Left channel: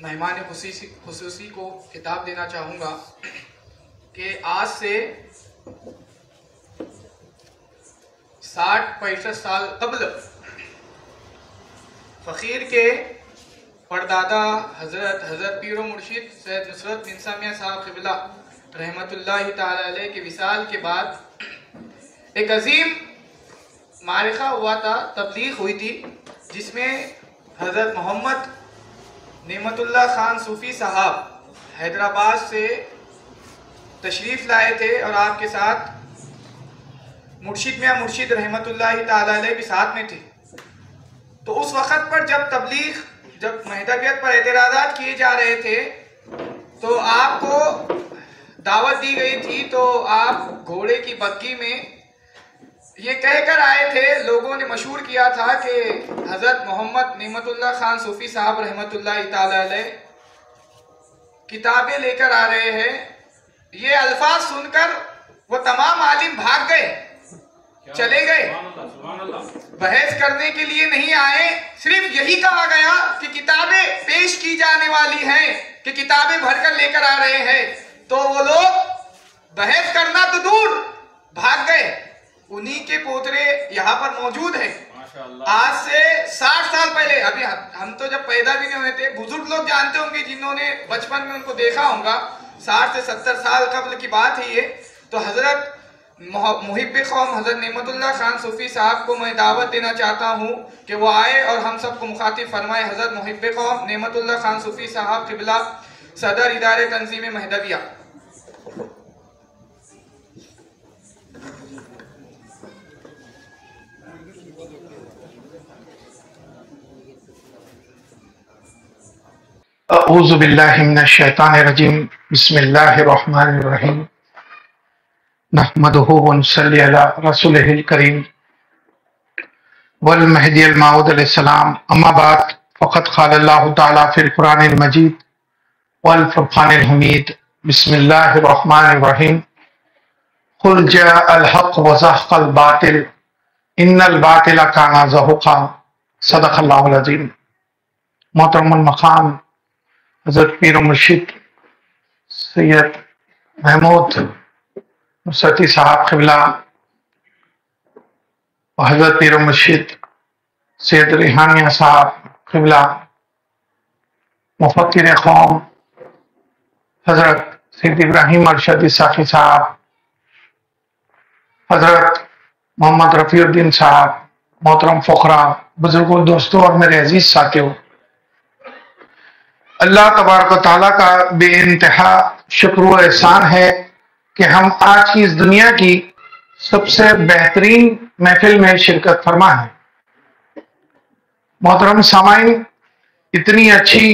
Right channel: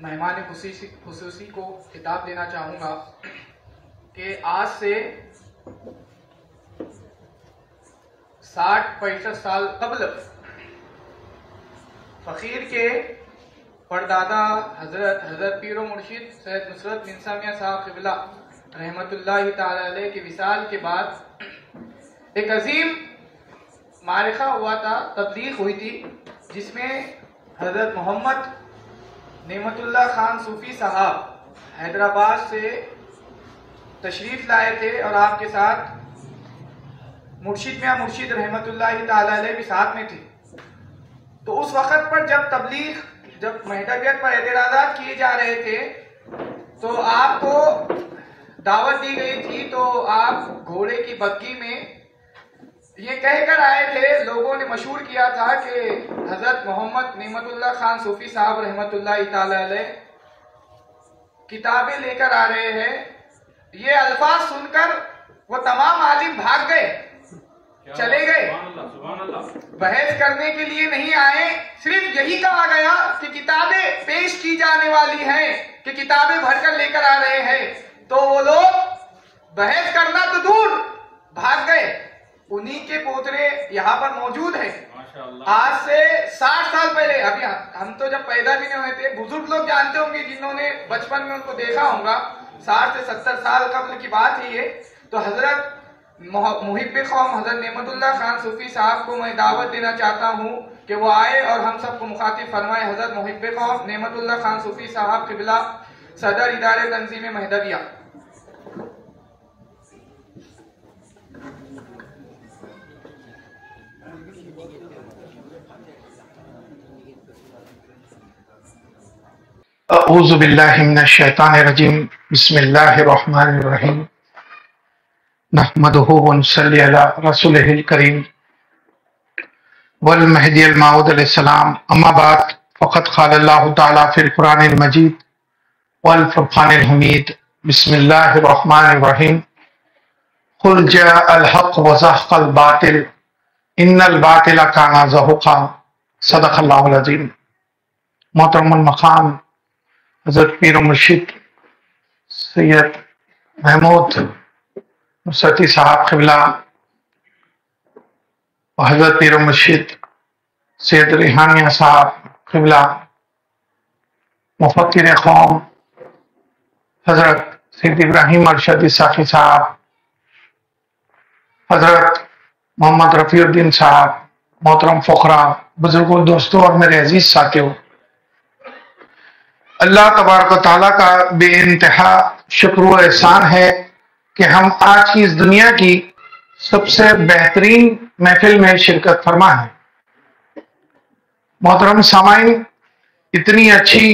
مہمان خصوصی کو خطاب دینا چاہوں گا کہ آج سے 60-65 سال قبل فقیر کے پردادا حضرت پیر و مرشد سید نصرت منسا میاں صاحب قبلہ رحمت اللہ تعالی علیہ کے وصال کے بعد ایک عظیم معرکہ ہوا تھا، تبلیغ ہوئی تھی، جس میں حضرت محمد نعمت اللہ خان صوفی صاحب حیدرآباد سے تشریف لائے تھے اور آپ کے ساتھ مرشد میاں مرشد رحمت اللہ تعالی علیہ بھی ساتھ میں تھی۔ تو اس وقت پر جب مہدویت پر اعتراضات کیے جا رہے تھے تو آپ کو دعوت دی گئی تھی، تو آپ گھوڑے کی بگھی میں یہ کہہ کر آئے تھے، لوگوں نے مشہور کیا تھا کہ حضرت محمد نعمت اللہ خان صوفی صاحب رحمت اللہ تعالی علیہ کتابیں لے کر آ رہے ہیں۔ یہ الفاظ سن کر وہ تمام عالم بھاگ گئے، چلے گئے، بحث کرنے کے لیے نہیں آئے، صرف یہی کہا گیا کہ کتابیں پیش کی جانے والی ہیں، کہ کتابیں بھر کر لے کر آ رہے ہیں۔ تو وہ لوگ بحث کرنا تو دور بھاگ گئے۔ انہی کے پوترے یہاں پر موجود ہیں۔ آج سے 60 سال پہلے، ابھی ہم تو جب پیدا بھی نہیں ہوئے تھے، بزرگ لوگ جانتے ہوں گے جنہوں نے بچپن میں ان کو دیکھا ہوگا، 60 سے 70 سال قبل کی بات ہے یہ۔ تو حضرت محب قوم حضرت نعمت اللہ خان صوفی صاحب کو میں دعوت دینا چاہتا ہوں کہ وہ آئے اور ہم سب کو مخاطب فرمائے۔ حضرت محب قوم نعمت اللہ خان صوفی صاحب قبلہ صدر ادارے تنظیم مہدویہ۔ اعوذ باللہ من الشیطان الرجیم، بسم اللہ الرحمن الرحیم، نحمدہ ونصلی علی رسولہ الکریم والمہدی الموعود علیہ السلام، اما بعد فقد قال اللہ تعالی فی القرآن المجید والفرقان الحمید، بسم اللہ الرحمن الرحیم، قل جاء الحق وزهق الباطل ان الباطل کان زہوقا، صدق اللہ العظیم۔ محترم المقام حضرت پیر و مرشد سید محمود نصرتی صاحب قبلہ و حضرت پیر و مرشد سید ریحانیہ صاحب قبلہ، مفکر قوم حضرت سید ابراہیم ارشدی ساقی صاحب، حضرت محمد رفیع الدین صاحب، محترم فقراء، بزرگوں، دوستوں اور میرے عزیز ساتھیوں، اللہ تبارک و تعالیٰ کا بے انتہا شکر و احسان ہے کہ ہم آج کی اس دنیا کی سب سے بہترین محفل میں شرکت فرما ہے۔ محترم سامعین، اتنی اچھی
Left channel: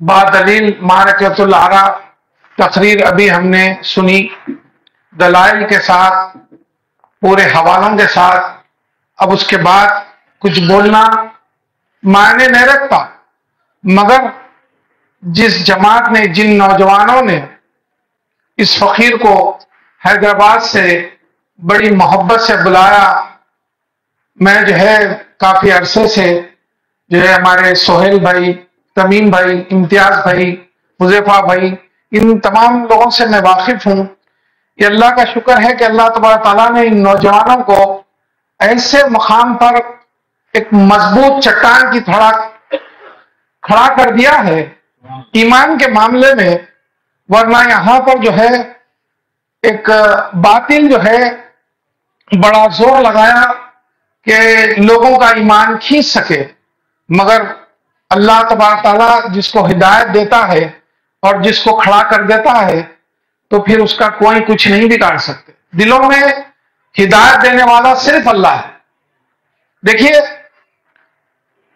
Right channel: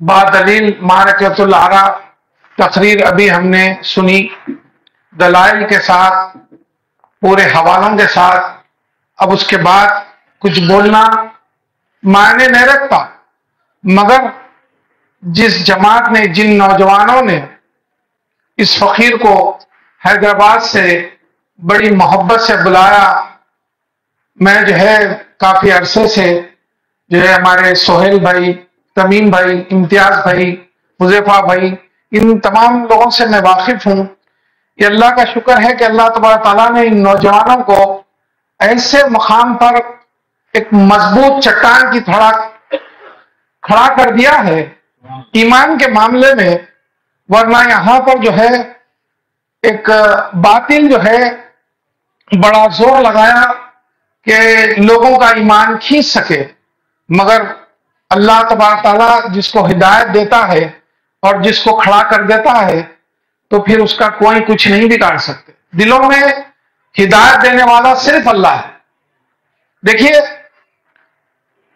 بادلیل معرکۃ العرا تقریر ابھی ہم نے سنی، دلائل کے ساتھ، پورے حوالوں کے ساتھ۔ اب اس کے بعد کچھ بولنا معنی نہیں رکھتا، مگر جس جماعت نے، جن نوجوانوں نے اس فقیر کو حیدرآباد سے بڑی محبت سے بلایا، میں کافی عرصے سے ہمارے سہیل بھائی، تمیم بھائی، امتیاز بھائی، حذیفہ بھائی، ان تمام لوگوں سے میں واقف ہوں۔ یہ اللہ کا شکر ہے کہ اللہ تبارک تعالیٰ نے ان نوجوانوں کو ایسے مقام پر ایک مضبوط چٹان کی طرح کھڑا کر دیا ہے ایمان کے معاملے میں، ورنہ یہاں پر ایک باطل بڑا زور لگایا کہ لوگوں کا ایمان کھینچ سکے، مگر اللہ تبارک تعالیٰ جس کو ہدایت دیتا ہے اور جس کو کھڑا کر دیتا ہے تو پھر اس کا کوئی کچھ نہیں بگاڑ سکتے۔ دلوں میں ہدایت دینے والا صرف اللہ ہے۔ دیکھیے،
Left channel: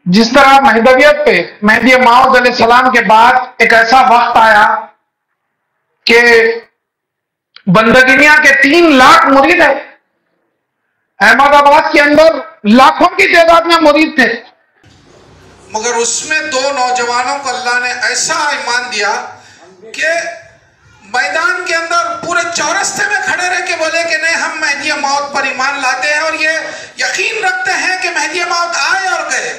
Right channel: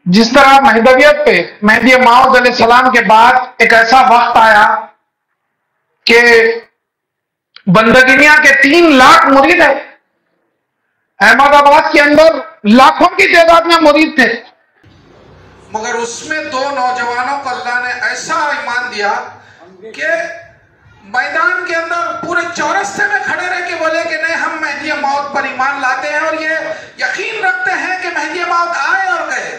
جس طرح مہدویت پہ مہدی موعود علیہ السلام کے بعد ایک ایسا وقت آیا کہ بندگینیا کے 3 لاکھ مرید ہیں، احمد آباد کے اندر لاکھوں کی تعداد میں مرید تھے، مگر اس میں 2 نوجوانوں کو اللہ نے ایسا ایمان دیا کہ میدان کے اندر پورے چورستے میں کھڑے رہ کے بولے کہ نہیں، ہم مہدی موعود پر ایمان لاتے ہیں اور یہ یقین رکھتے ہیں کہ مہدی موعود آئے اور گئے،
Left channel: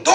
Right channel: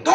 2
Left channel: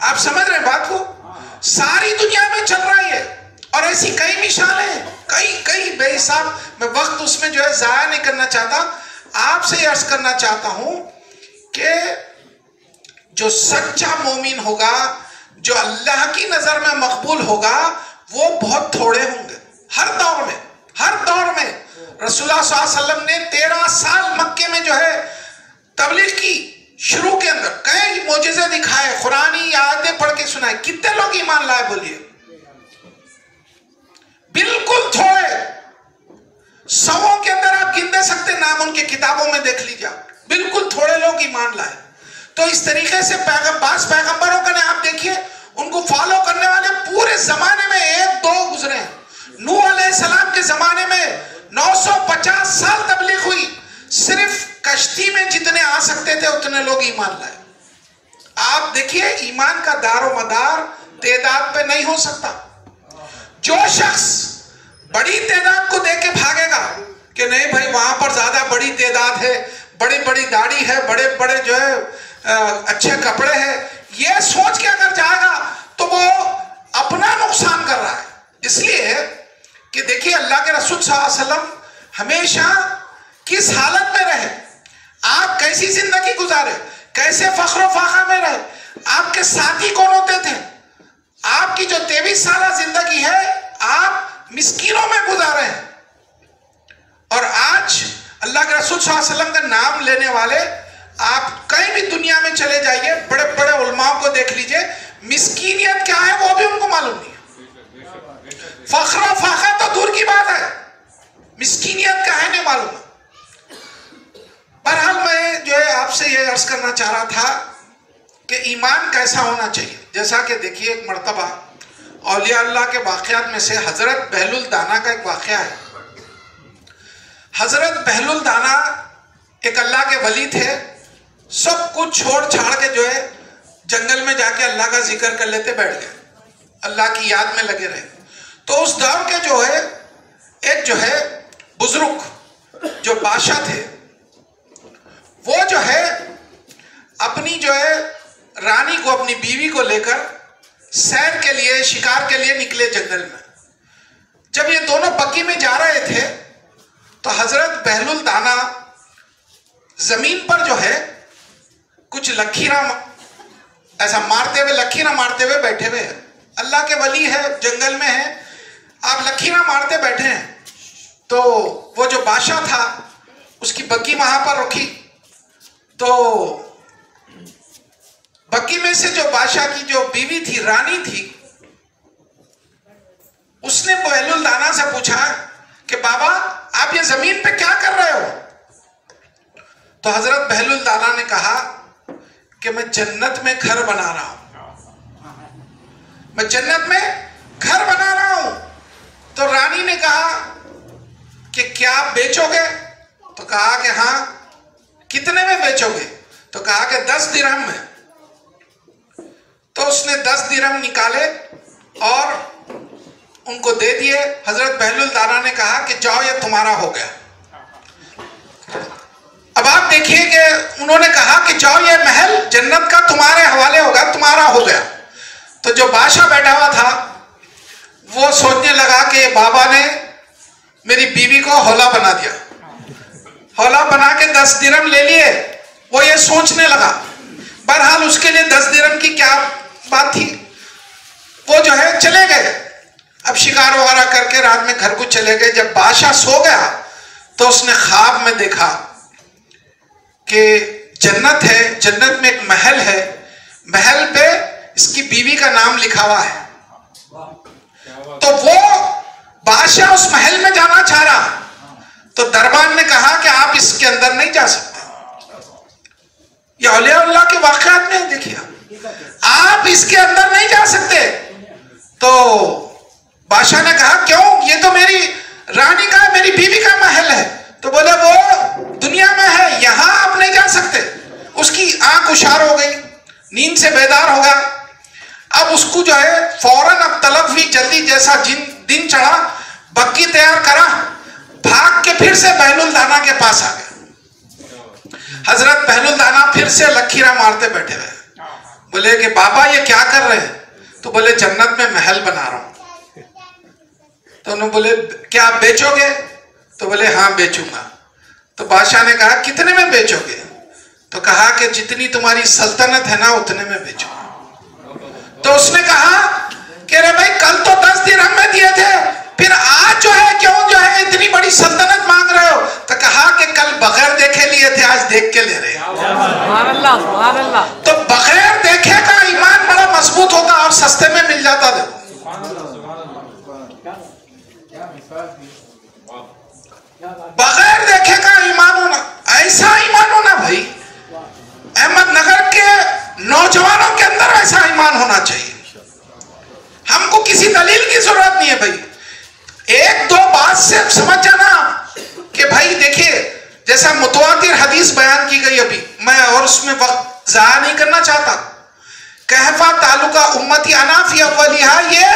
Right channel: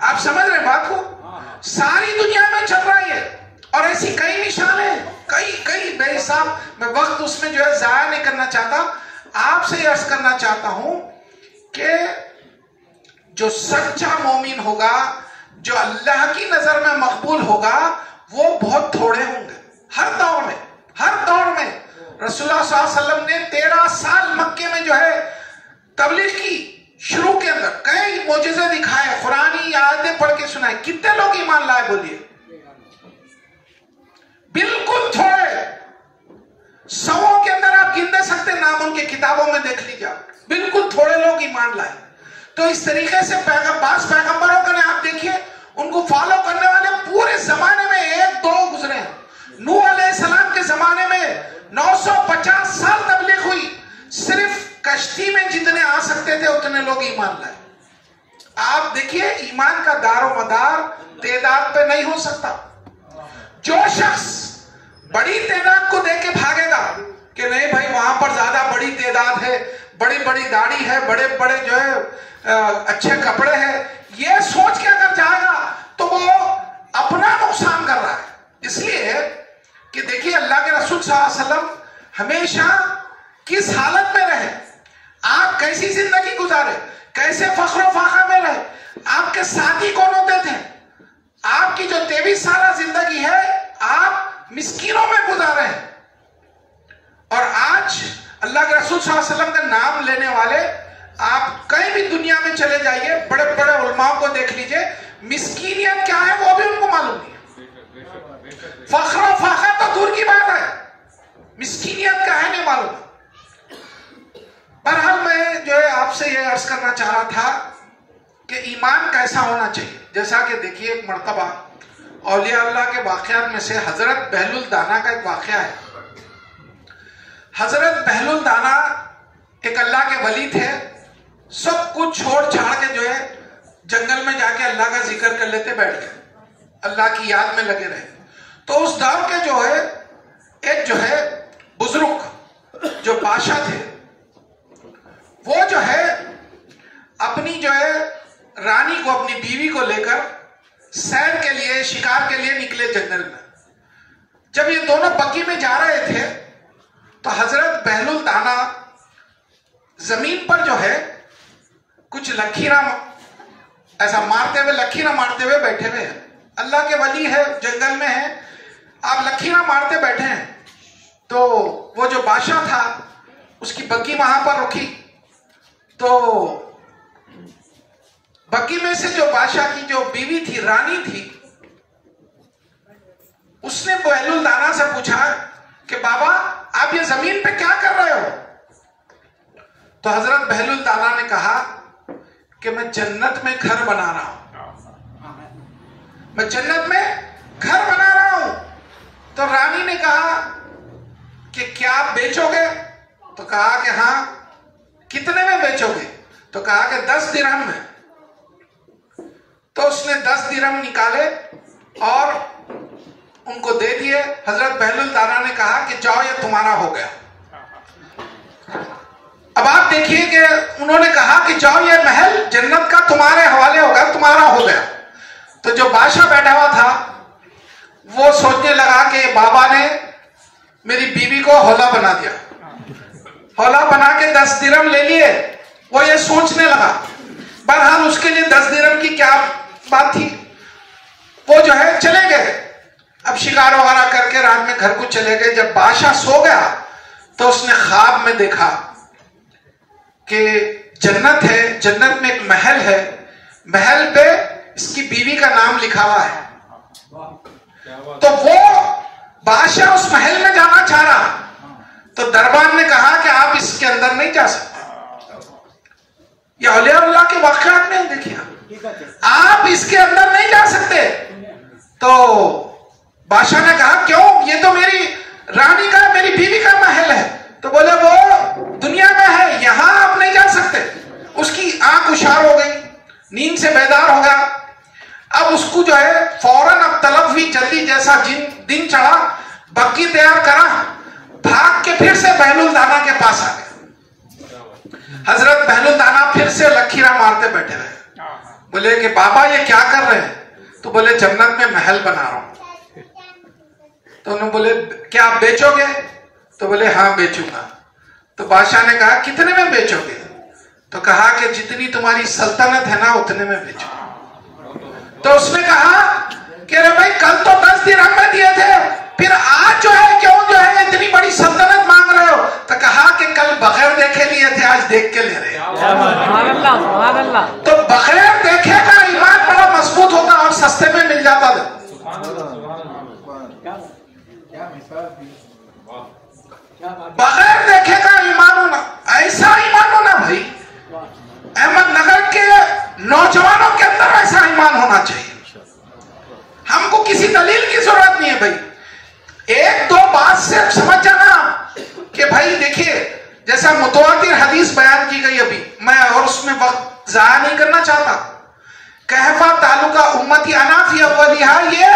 آپ سمجھ رہے ہیں بات کو؟ ساری دنیا میں چل رہا ہے اور ایسی کئی مثالیں، کئی بے حساب. میں وقت اس میں جو ہے ضائع نہیں کرنا چاہتا. آپ سے عرض کرنا چاہتا ہوں کہ جو سچا مومن ہوگا، جو اللہ کی نظر میں مقبول ہوگا، وہ بہت تھوڑے ہوں گے. ہر دور میں رسول اللہ صلی اللہ علیہ وسلم نے 13 سال مکے میں جو ہے تبلیغ کی. شروع کے اندر کئی معجزے دکھائے، قرآنی آیتیں پڑھ کے سنائے. کتنے لوگ ایمان لائے بولیے؟ بالکل تھوڑے. 100 کے اندر آپ گن دے سکتے نام، ان کی کتابوں میں دیکھ لیجیے. بالکل تھوڑے لوگ ایمان لائے. تو اس طریقے سے بعض پیغمبروں کا آپ دیکھیے، ان کو فالو کرنے والے پورے زمانے میں 1-2 گزرے ہیں. نوح علیہ السلام کے زمانے میں 950 سال تبلیغ ہوئی. صرف کشتی میں جتنے آ سکتے تھے اتنے لوگ ایمان لائے. آپ دیکھیے ایمان کا دار و مدار تعداد پہ نہیں ہو سکتا. جو شخص بڑی تعداد کو دیکھ کے بھاگے گا کہ نہیں بھائی وہاں پر زیادہ بڑی تعداد ہے، بڑی بڑی داڑھی ہے، بڑے بڑے جو ہے اچھے کپڑے ہیں، یہ سوچ کے اگر جائے گا تو وہ اپنا نقصان کر رہا ہے. اس لیے کہ دیکھیے اللہ کے رسول صلی اللہ علیہ وسلم ہمیشہ کس حالت میں رہے، آپ کیسی زندگی گزارے، کیسے فخر و فاخر میں رہے، آپ کے ساتھی کون ہوتے تھے. آپ کی جو 23 سالہ زندگی ہے آپ مسکینوں میں گزارے ہیں. اور آج اللہ کے رسول صلی اللہ علیہ وسلم کا نام لینے والے آپ کہیں بھی دنیا میں چلے جائیے، بڑے بڑے علماء کو دیکھ لیجئے، مسکینیت کیا ہے وہ بھی ان کو معلوم نہیں ہے. فخر و فاخر تو دور کی بات ہے، مسکینیت کا ہے نہیں معلوم. بہرحال میں جو ہے آپ سے یہ عرض کرنا چاہ رہا تھا کہ ایمان کیسا ہونا چاہیے. جیسا کہ دیکھیے ایک مرتبہ اولیاء اللہ کے واقعات میں سے حضرت بہلول دانا کا ایک واقعہ ہے. حضرت بہلول دانا ایک اللہ کے ولی تھے. سب کچھ چھوڑ چھاڑ کے جو ہے جنگل میں جا کے اللہ کا ذکر کر لیتے بیٹھ گئے، اللہ کی یاد میں لگے رہے. تو اس دور کے جو ہے ایک جو ہے بزرگ جو بادشاہ تھے، وہ جو ہے اپنی جو ہے رانی کو، اپنی بیوی کو لے کر سیر کے لیے، شکار کے لیے نکلے جنگل میں. جب یہ دونوں بگی میں جا رہے تھے تو حضرت بہلول دانا زمین پر جو ہے کچھ لکیراں ایسا مارتے ہوئے، لکیراں مارتے ہوئے بیٹھے ہوئے ہیں. اللہ کے ولی ہے، جنگل میں ہے، آپ لکیراں مارتے بیٹھے ہیں. تو وہ جو بادشاہ تھا اس کی بگی وہاں پر رکھی. تو بگی میں سے جو بادشاہ کی جو بیوی تھی، رانی تھی، اس نے بہلول دانا سے پوچھا کہ بابا آپ یہ زمین پہ کیا کر رہے ہو؟ تو حضرت بہلول دانا نے کہا کہ میں جنت میں گھر بنا رہا ہوں، میں جنت میں گھر بنا رہا ہوں. تو رانی نے کہا کہ کیا آپ بیچو گے؟ تو کہا کہ ہاں. کتنے میں بیچو گے؟ تو کہا کہ 10 درہم میں. تو اس نے 10 درہم نکالے اور ان کو دے دیے. حضرت بہلول دانا نے کہا کہ جاؤ یہ تمہارا ہو گیا. اب آپ دیکھیے کہ انہوں نے کہا کہ جاؤ یہ محل جنت کا تمہارے حوالے ہوگا، تمہارا ہو گیا. تو جو بادشاہ بیٹھا ہوا تھا وہ سوچنے لگا کہ بابا نے میری بیوی کو ہولا بنا دیا، ہولا بنا کے 10 درہم لے لیے. وہ یہ سوچنے لگا. بہرحال اس کے لیے 10 درہم کی کیا بات تھی. وہ جو ہے چلے گئے، اب شکار وغیرہ کر کے رات میں گھر کو چلے گئے. جب بادشاہ سو گیا تو اس نے خواب میں دیکھا کہ جنت ہے، جنت میں ایک محل ہے، محل پہ اس کی بیوی کا نام لکھا ہوا ہے. تو وہ بادشاہ اس محل میں جانا چاہ رہا. تو دربان نے کہا کہ آپ اس کے اندر نہیں جا سکتے. یہ اولیاء اللہ کے واقعات میں دیکھیے، آپ اس کے اندر نہیں جا سکتے. تو بادشاہ نے کہا کیوں؟ یہ تو میری رانی کا، میری بیوی کا محل ہے. تو بولے وہ دنیا میں ہے، یہاں آپ نہیں جا سکتے. اس کی آنکھ اشار ہو گئی، نیند سے بیدار ہو گیا. اب اس کو جو ہے فوراً اب طلب ہوئی، جلدی جیسا دن چڑھا بگی تیار کرا، بھاگ کے پھر سے بہلول دانا کے پاس آ گیا. حضرت بہلول دانا پھر سے لکیراں مارتے بیٹھے رہے. بولے کہ بابا یہ کیا کر رہے ہیں؟ تو بولے جنت میں محل بنا رہا ہوں. تو انہوں نے بولے کیا آپ بیچو گے؟ تو بولے ہاں بیچوں گا. تو بادشاہ نے کہا کتنے میں بیچو گے؟ تو کہا کہ جتنی تمہاری سلطنت ہے نا اتنے میں بیچو. تو اس نے کہا کہ رے بھائی کل تو 10 درہم میں دیے تھے, پھر آج جو ہے کیوں جو ہے اتنی بڑی سلطنت مانگ رہے ہو؟ تو کہا کہ کل بغیر دیکھے لیے تھے, آج دیکھ کے لے رہے ہیں. سبحان اللہ سبحان اللہ. تو بغیر دیکھے کا ایمان بڑا مضبوط ہوتا اور سستے میں مل جاتا تھا. بغیر دیکھے کا ایمان ہونا, ایسا ایمان ہونا بھائی, احمد نگر کے نوجوانوں کے اندر ایسا ایمان ہونا چاہیے. ہم کو کسی دلیل کی ضرورت نہیں ہے بھائی, ایک دو بات سے سمجھ جانا کہ بھائی دیکھیے جیسا متواتر حدیث بیان کی گئی ابھی, میں اور اس میں وقت ضائع نہیں کرنا چاہتا. کہفہ تعلقہ امتی انا فی اولیہا, یہ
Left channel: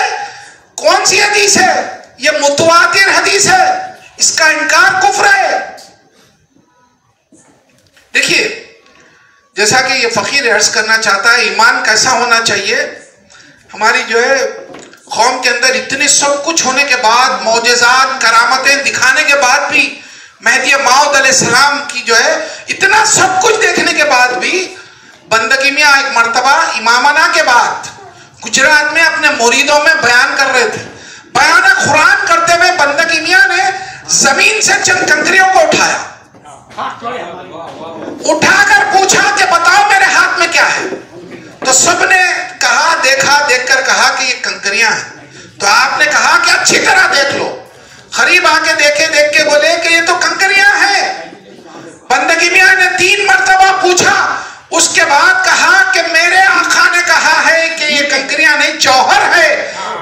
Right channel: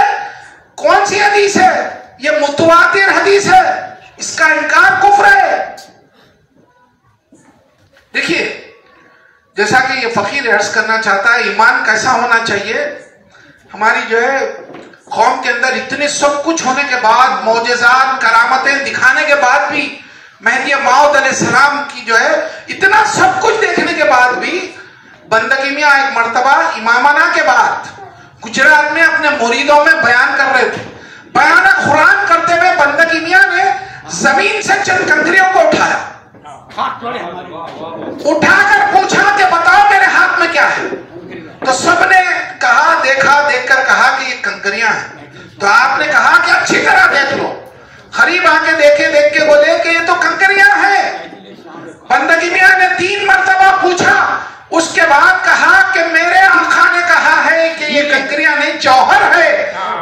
کون سی حدیث ہے؟ یہ متواتر حدیث ہے, اس کا انکار کفر ہے. دیکھیے جیسا کہ یہ فقیر عرض کرنا چاہتا ہے ایمان کیسا ہونا چاہیے. ہماری جو ہے قوم کے اندر اتنے سب کچھ ہونے کے بعد, معجزات کرامتیں دکھانے کے بعد بھی, مہدی موعود علیہ السلام کی جو ہے اتنا سب کچھ دیکھنے کے بعد بھی, بندگی میاں ایک مرتبہ امامانہ کے بعد گجرات میں اپنے مریدوں میں بیان کر رہے تھے. بیان قرآن کرتے ہوئے بندگی میاں نے زمین سے چند کنکریوں کو اٹھایا, اٹھا کر پوچھا کہ بتاؤ میرے ہاتھ میں کیا ہے؟ تو سب نے کہا, دیکھا, دیکھ کر کہا کہ یہ کنکریاں ہیں. تو آپ نے کہا کہ اچھی طرح دیکھ لو. قریب آ کے دیکھے, دیکھ کے بولے کہ یہ تو کنکریاں ہیں. بندگی میاں نے 3 مرتبہ پوچھا, اس کے بعد کہا کہ میرے آقا نے کہا ہے کہ یہ کنکریاں نہیں جوہر ہے.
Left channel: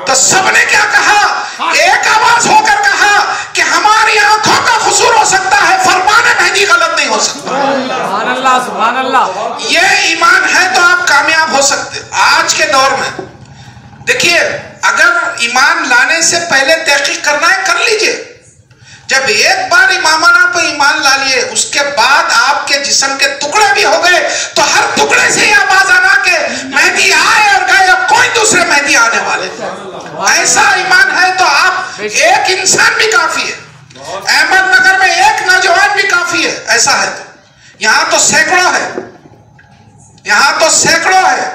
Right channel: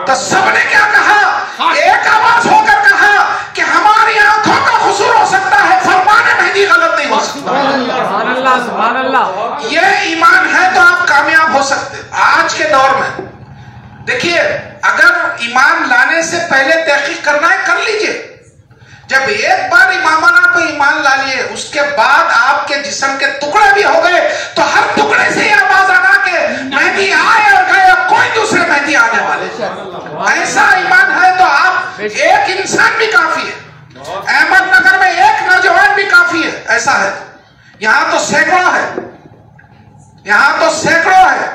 تو سب نے کیا کہا؟ ایک آواز ہو کر کہا کہ ہماری آنکھوں کا قصور ہو سکتا ہے, فرمان مہدی غلط نہیں ہو سکتا. سبحان اللہ سبحان اللہ. یہ ایمان ہے تو آپ کامیاب ہو سکتے. آج کے دور میں دیکھیے اگر ایمان لانے سے پہلے تحقیق کرنا ہے کر لیجئے. جب ایک بار امامانہ پہ ایمان لا لیے, اس کے بعد آپ کے جسم کے ٹکڑے بھی ہو گئے تو ہر ٹکڑے سے یہ آواز آنا کہ مہدی آئے اور گئے, اب کوئی دوسرے مہدی آنے والے. ایسا ایمان ہے تو آپ ایک انسان بھی کافی ہے. احمد نگر میں ایک نوجوان بھی کافی ہے. ایسا ہے تو یہاں تو سینکڑوں ہے, یہاں تو سینکڑوں ہے.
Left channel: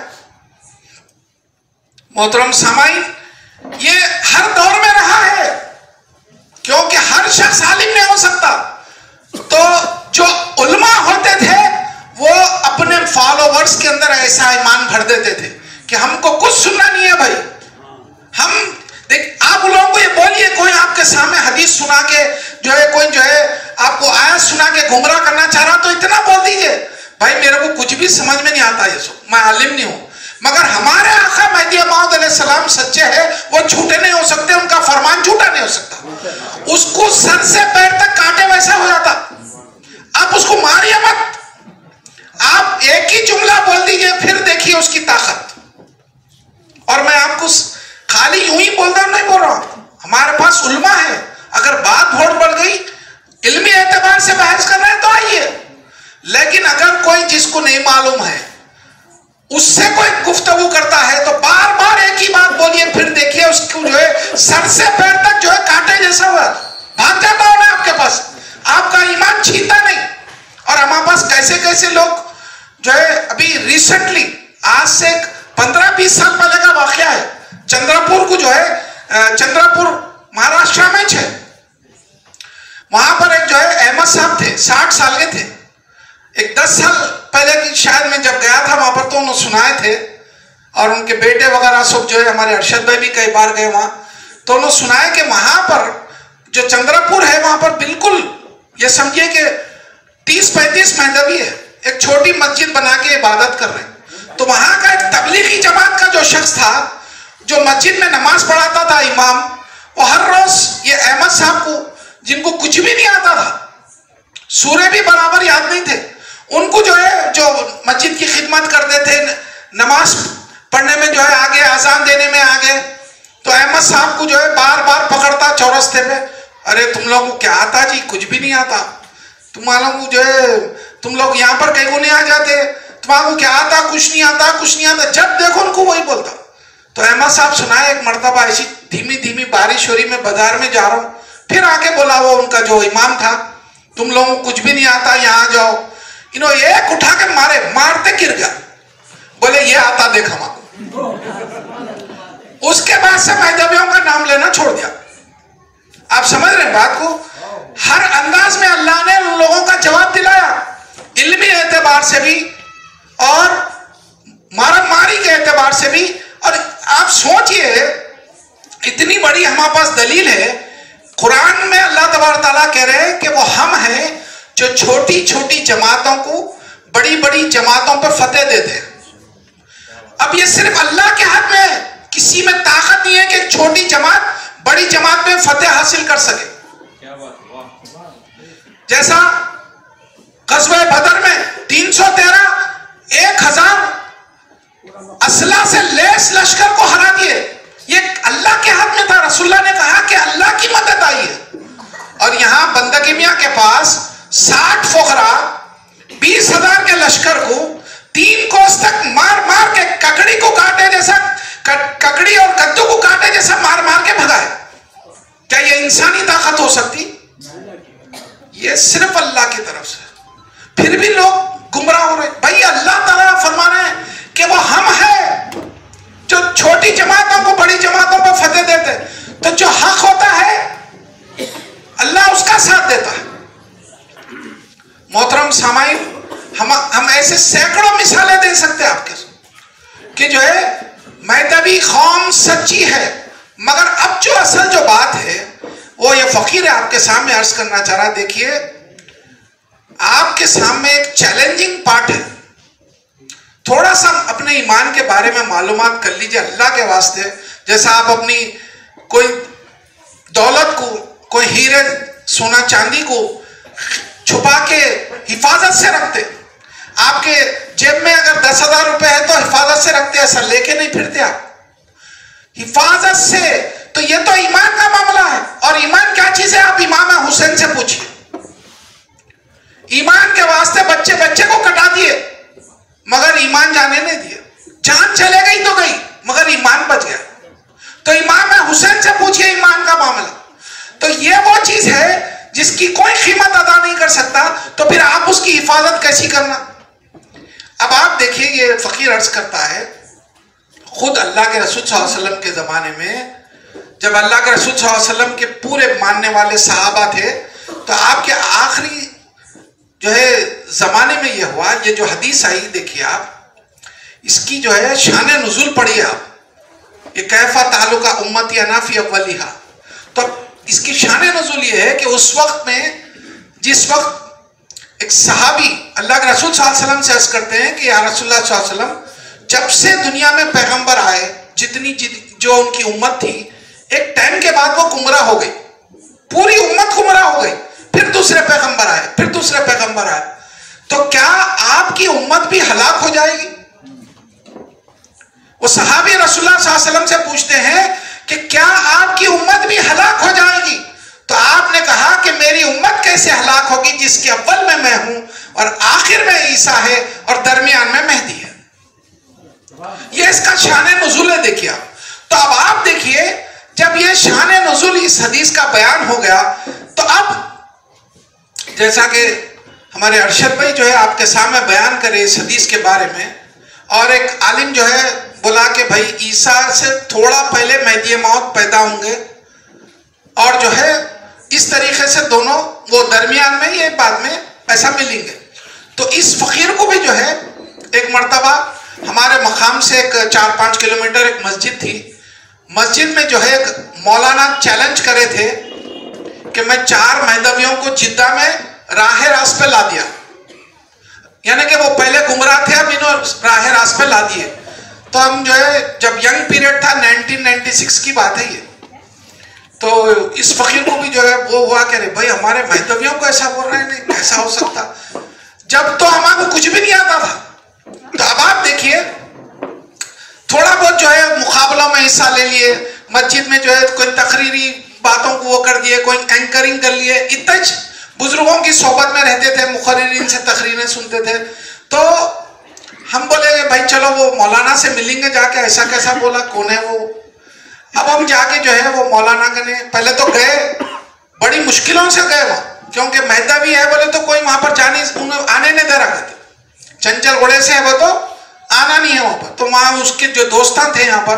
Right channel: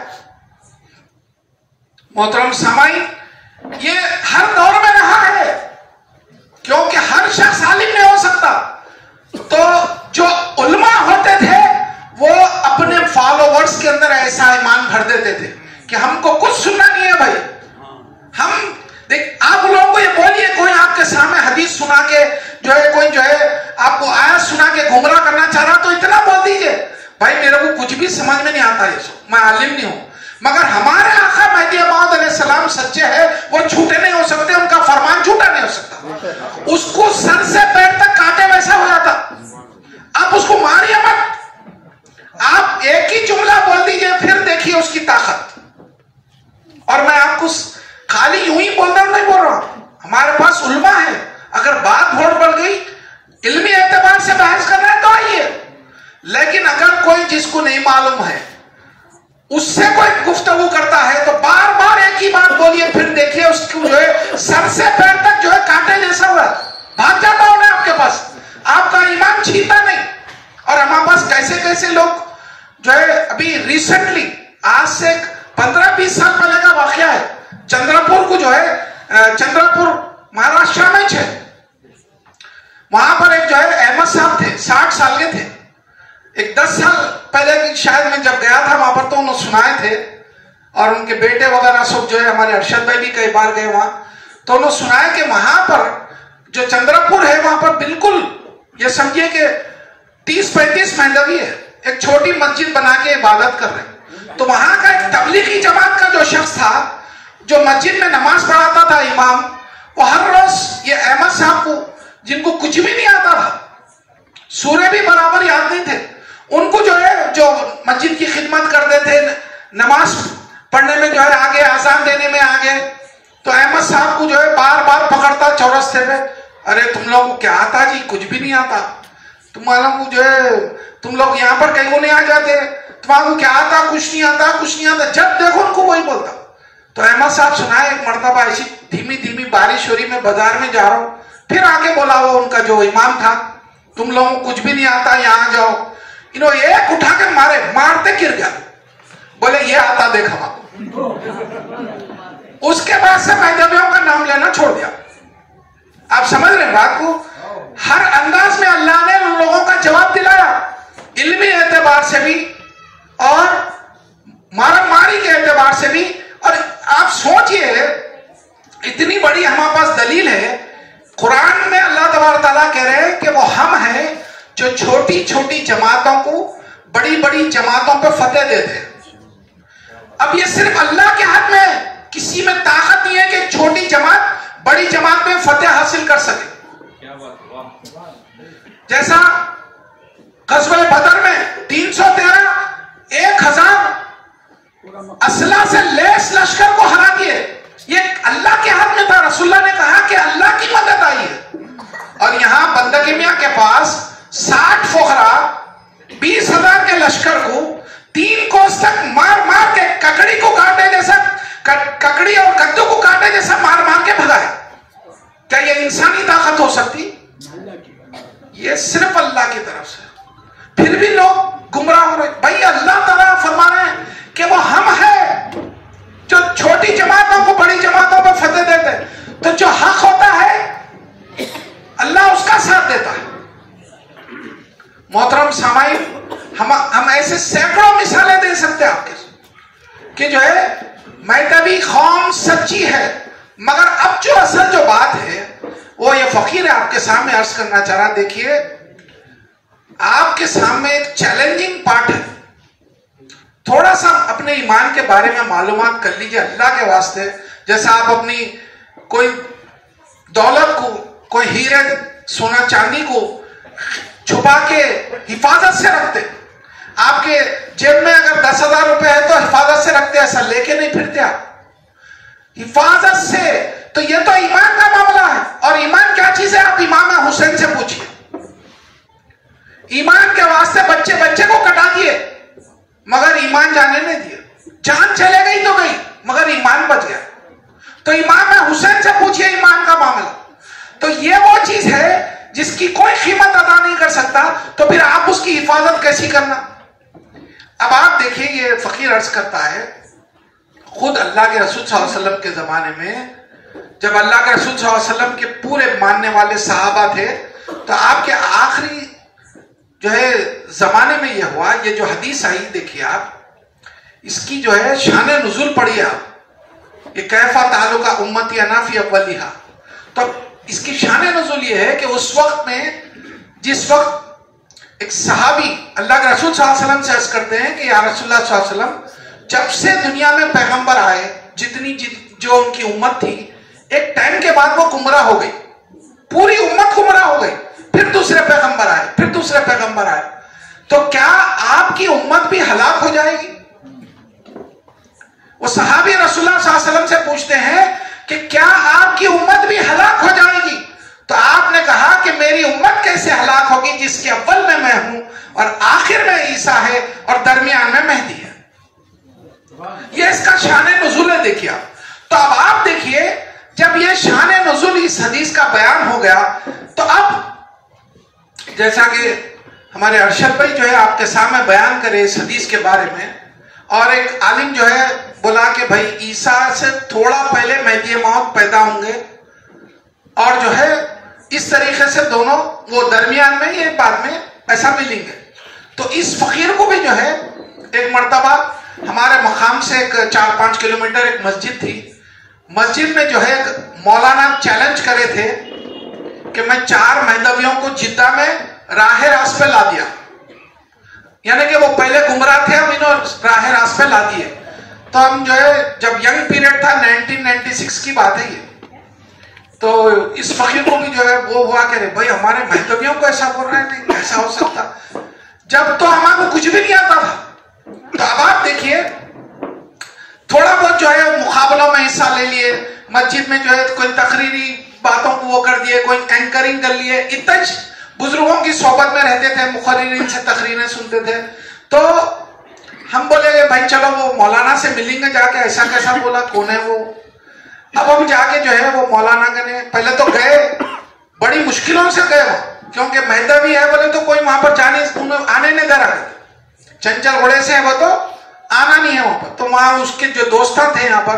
محترم سامعین, یہ ہر دور میں رہا ہے کیونکہ ہر شخص عالم نہیں ہو سکتا. تو جو علماء ہوتے تھے وہ اپنے فالوورز کے اندر ایسا ایمان بھر دیتے تھے کہ ہم کو کچھ سننا نہیں ہے بھائی. ہم دیکھ, آپ لوگوں کو یہ بولیے, کوئی آپ کے سامنے حدیث سنا کے جو ہے, کوئی جو ہے آپ کو آیت سنا کے گمراہ کرنا چاہ رہا تو اتنا بول دیجئے بھائی میرے کو کچھ بھی سمجھ میں نہیں آتا, یہ سو میں عالم نہیں ہوں. مگر ہمارے آقا مہدی موعود علیہ السلام سچے ہیں, وہ جھوٹے نہیں ہو سکتے, ان کا فرمان جھوٹا نہیں ہو سکتا. اس کو سر سے پیر تک کاٹے ویسا ہو جاتا. آپ اس کو ماریے مت, آپ ایک ہی جملہ بول دیجئے, پھر دیکھیے اس کی طاقت. اور میں آپ کو خالی یوں ہی بولتا ہوں, نہیں بول رہا ہوں, ہمارے پاس علماء ہے. اگر بات بڑھ گئی, علمی اعتبار سے بحث کر رہے ہیں تو آئیے. لیکن اگر کوئی جس کو نہیں معلوم ہے اس سے کوئی گفتگو کرتا ہے تو بار بار ایک ہی بات بولیے, پھر دیکھیے اس کو جو ہے سر سے پیر تک جو ہے کانٹے جیسا ہوا بھاگ جاتا ہوں میں آپ کے پاس. آپ کا ایمان چھینتا نہیں. اور ہمارے پاس کیسے کیسے لوگ جو ہے, ابھی ریسنٹلی آج سے 15-20 سال پہلے کا واقعہ ہے, چندراپور کو جو ہے, چندراپور مہاراشٹر میں ہے, وہاں پر ایک جو ہے احمد صاحب تھے, 60 سال کے تھے. ایک 10 سال پہلے کی شاید میں جب گیا تھا وہاں پر تو انہوں سنائے تھے, اور ان کے بیٹے وغیرہ سب جو ہے, ہمارے ارشد بھائی بھی کئی بار گئے وہاں, تو انہوں سنائے کہ وہاں پر جو چندراپور ہے وہاں پر بالکل یہ سمجھے کہ 30-35 مہدوی ہے, ایک چھوٹی مسجد بنا کے عبادت کر رہے ہیں. تو وہاں کا ایک تبلیغی جماعت کا جو شخص تھا جو مسجد میں نماز پڑھاتا تھا امام, وہ ہر روز یہ احمد صاحب کو, جن کو کچھ بھی نہیں آتا تھا, سورے بھی برابر یاد نہیں تھے, ان کو جو ہے جو مسجد کی خدمت کرتے تھے, نماز پڑھنے میں جو ہے آگے, اذان دینے میں آگے, تو احمد صاحب کو جو ہے بار بار پکڑتا چورستے پہ, ارے تم لوگوں کو کیا آتا جی, کچھ بھی نہیں آتا, تم لوگ جو ہے تم لوگ یہاں پر کہیں کو نہیں آ جاتے, تمہارا کیا آتا، کچھ نہیں آتا، کچھ نہیں آتا، جب دیکھو ان کو وہی بولتا. تو احمد صاحب سنائے ایک مرتبہ ایسی دھیمی دھیمی بارش ہو رہی، میں بازار میں جا رہا ہوں، پھر آگے بولا وہ ان کا جو امام تھا، تم لوگوں کو کچھ بھی نہیں آتا، یہاں آ جاؤ. انہوں ایک اٹھا کے مارتے گر گیا، بولے یہ آتا دیکھا ماں. اس کے بعد سے مہدویوں کا نام لینا چھوڑ دیا. آپ سمجھ رہے ہیں بات کو؟ ہر انداز میں اللہ نے ان لوگوں کا جواب دلایا، علمی اعتبار سے بھی اور ماری کے اعتبار سے بھی. اور آپ سوچئے اتنی بڑی ہمارے پاس دلیل ہے، قرآن میں اللہ تبارک تعالیٰ کہہ رہے ہیں کہ وہ ہم ہیں جو چھوٹی چھوٹی جماعتوں کو بڑی بڑی جماعتوں پر فتح دیتے ہیں. اب یہ صرف اللہ کے حق میں ہے، کسی میں طاقت نہیں ہے کہ چھوٹی جماعت بڑی جماعت میں فتح حاصل کر سکے. جیسا غزوہ بدر میں 313 1000 اسلحہ سے لیس لشکر کو ہرا دیے، یہ اللہ کے حق میں تھا. رسول اللہ نے کہا کہ اللہ کی مدد آئی ہے. اور یہاں بندگی میاں کے پاس 60 فقراء 20,000 کے لشکر کو 3 کوس تک مار مار کے ککڑی کو کاٹے جیسا، ککڑی اور کدو کو کاٹے جیسا مار مار کے بھگائے. کیا یہ انسانی طاقت ہو سکتی؟ یہ صرف اللہ کی طرف سے. پھر بھی لوگ گمراہ ہو رہے. بھائی اللہ تعالیٰ فرما رہے ہیں کہ وہ ہم ہیں جو چھوٹی جماعتوں کو بڑی جماعتوں پر فتح دیتے. تو جو حق ہوتا ہے اللہ اس کا ساتھ دیتا ہے. محترم سامعین، ہم ایسے سینکڑوں مثالیں دے سکتے ہیں آپ کے کہ جو ہے مہدوی قوم سچی ہے. مگر اب جو اصل جو بات ہے وہ یہ فقیر ہے آپ کے سامنے عرض کرنا چاہ رہا. دیکھیے آپ کے سامنے ایک چیلنجنگ پارٹ ہے. تھوڑا سا اپنے ایمان کے بارے میں معلومات کر لیجئے اللہ کے واسطے. جیسا آپ اپنی کوئی دولت کو، کوئی ہیرے سونا چاندی کو چھپا کے حفاظت سے رکھتے. آپ کے جیب میں اگر 10,000 روپے ہے تو حفاظت سے رکھتے، ایسا لے کے نہیں پھرتے آپ، حفاظت سے. تو یہ تو ایمان کا معاملہ ہے. اور ایمان کیا چیز ہے؟ آپ امام حسین سے پوچھئے. ایمان کے واسطے بچے کو کٹا دیے مگر ایمان جانے نہیں دیا. جان چلے گئی تو گئی مگر ایمان بچ گیا. تو امام حسین سے پوچھئے ایمان کا معاملہ. تو یہ وہ چیز ہے جس کی کوئی قیمت ادا نہیں کر سکتا، تو پھر آپ اس کی حفاظت کیسی کرنا. اب آپ دیکھیں یہ فقیر عرض کرتا ہے، خود اللہ کے رسول صلی اللہ علیہ وسلم کے زمانے میں جب اللہ کے رسول صلی اللہ علیہ وسلم کے پورے ماننے والے صحابہ تھے، تو آپ کے آخری جو ہے زمانے میں یہ ہوا. یہ جو حدیث آئی دیکھیے آپ، اس کی جو ہے شان نزول پڑھی آپ، یہ کیفا تعلق امتی انا فی اولیہا. تو اس کی شان نزول یہ ہے کہ اس وقت میں جس وقت ایک صحابی اللہ کے رسول صلی اللہ علیہ وسلم سے عرض کرتے ہیں کہ یا رسول اللہ صلی اللہ علیہ وسلم، جب سے دنیا میں پیغمبر آئے، جتنی جو ان کی امت تھی، ایک ٹائم کے بعد وہ گمراہ ہو گئی، پوری امت گمراہ ہو گئی. پھر دوسرے پیغمبر آئے، پھر دوسرے پیغمبر آئے. تو کیا آپ کی امت بھی ہلاک ہو جائے گی؟ وہ صحابی رسول اللہ صلی اللہ علیہ وسلم سے پوچھتے ہیں کہ کیا آپ کی امت بھی ہلاک ہو جائے گی؟ تو آپ نے کہا کہ میری امت کیسے ہلاک ہوگی جس کے اول میں ہوں اور آخر میں عیسیٰ ہے اور درمیان میں مہدی ہے. یہ اس کا شان نزول ہے. دیکھیے تو اب آپ دیکھیے جب یہ شان نزول اس حدیث کا بیان ہو گیا، تو اب جیسا کہ ہمارے ارشد بھائی جو ہے آپ کے سامنے بیان کرے اس حدیث کے بارے میں، اور ایک عالم جو ہے بولا کہ بھائی عیسیٰ سے تھوڑا پہلے مہدی موعود پیدا ہوں گے، اور جو ہے اس طریقے سے دونوں وہ درمیان میں یہ بعد میں ایسا ملیں گے. تو اس فقیر کو بھی جو ہے ایک مرتبہ ہمارے مقام سے ایک 4-5 کلومیٹر ایک مسجد تھی، مسجد میں جو ہے مولانا چیلنج کرے تھے کہ میں 4 مہدویوں کو جدہ میں راہ راست پہ لا دیا. یعنی کہ وہ پہلے گمراہ تھے، اب انہوں راہ راست پہ لا دیے. تو ہم جو ہے جب ینگ پیریڈ تھا 1996 کی بات ہے یہ، تو اس فقیر کو بھی جو ہے وہ ہوا کہ بھائی ہمارے مہدویوں کو ایسا بول رہے ہیں، نہیں کیسا ہو سکتا، جب تو ہمارے کو کچھ بھی نہیں آتا تھا. تو اب آپ دیکھیے تھوڑا بہت جو ہے مقابلوں میں حصہ لے لیے، مسجد میں جو ہے کوئی تقریری باتوں کو وہ کر دیے، کوئی اینکرنگ کر لیے، اتنا بزرگوں کی صحبت میں رہتے تھے، مقررین سے تقریریں سنتے تھے. تو ہم بولے کہ بھائی چلو وہ مولانا سے ملیں گے جا کے, ایسا کیسا بولا, کون ہے وہ. اب ہم جا کے جو ہے وہ مولانا کنے پہلے تو گئے, بڑی مشکلوں سے گئے وہ, کیونکہ مہدہ بھی ہے بولے تو کوئی وہاں پر آنے نہیں دے رہا تھا. چنچل بڑے سے ہے وہ تو آنا نہیں ہے وہاں پر. تو وہاں اس کے جو دوستان تھے یہاں پر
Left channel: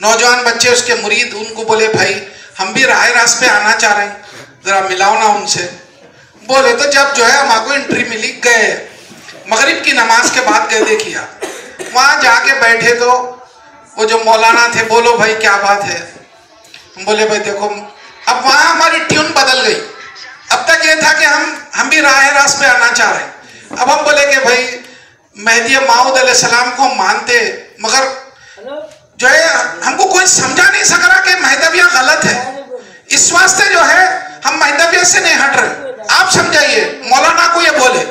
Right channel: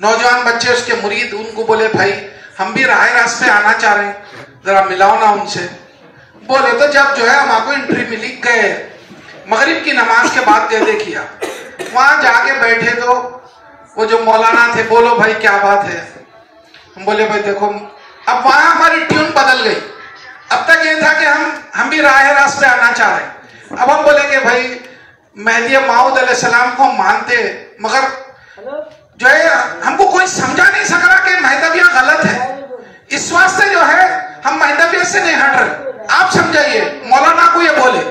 نوجوان بچے اس کے مرید, ان کو بولے بھائی ہم بھی راہ راست پہ آنا چاہ رہے ہیں, ذرا ملاؤ نا ان سے. بولے تو جب جو ہے ہمارے کو انٹری ملی, گئے مغرب کی نماز کے بعد گئے. دیکھیا وہاں جا کے بیٹھے تو وہ جو مولانا تھے, بولو بھائی کیا بات ہے. ہم بولے بھائی دیکھو, اب وہاں ہماری ٹیون بدل گئی. اب تک یہ تھا کہ ہم بھی راہ راست پہ آنا چاہ رہے ہیں. اب ہم بولے کہ بھائی مہدی موعود علیہ السلام کو ہم مانتے, مگر جو ہے ہم کو کوئی سمجھا نہیں سک رہا کہ مہدویہ غلط ہے. اس واسطے جو ہے ہم مہدویہ سے نہیں ہٹ رہے, آپ سمجھائیے. مولانا کو یہ بولے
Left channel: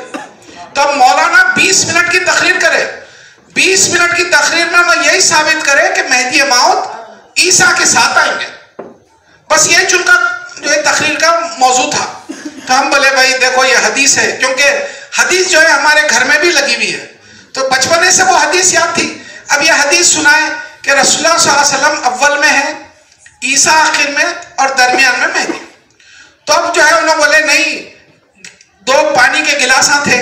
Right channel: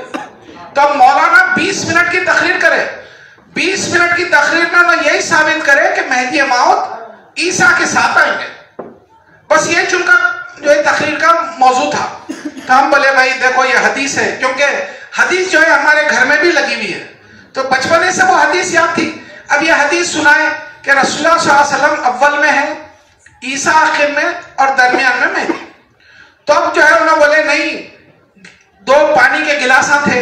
تو مولانا 20 منٹ کی تقریر کرے. 20 منٹ کی تقریر میں وہ یہی ثابت کرے کہ مہدی موعود عیسیٰ کے ساتھ آئیں گے. بس یہ چن کا جو ہے تقریر کا موضوع تھا. تو ہم بولے بھائی دیکھو یہ حدیث ہے, کیونکہ حدیث جو ہے ہمارے گھر میں بھی لگی ہوئی ہے, تو بچپنے سے وہ حدیث یاد تھی. اب یہ حدیث سنائے کہ رسول اللہ صلی اللہ علیہ وسلم اول میں ہے, عیسیٰ آخر میں, اور درمیان میں مہدی. تو اب جو ہے انہوں بولے نہیں, 2 پانی کے گلاساں تھے,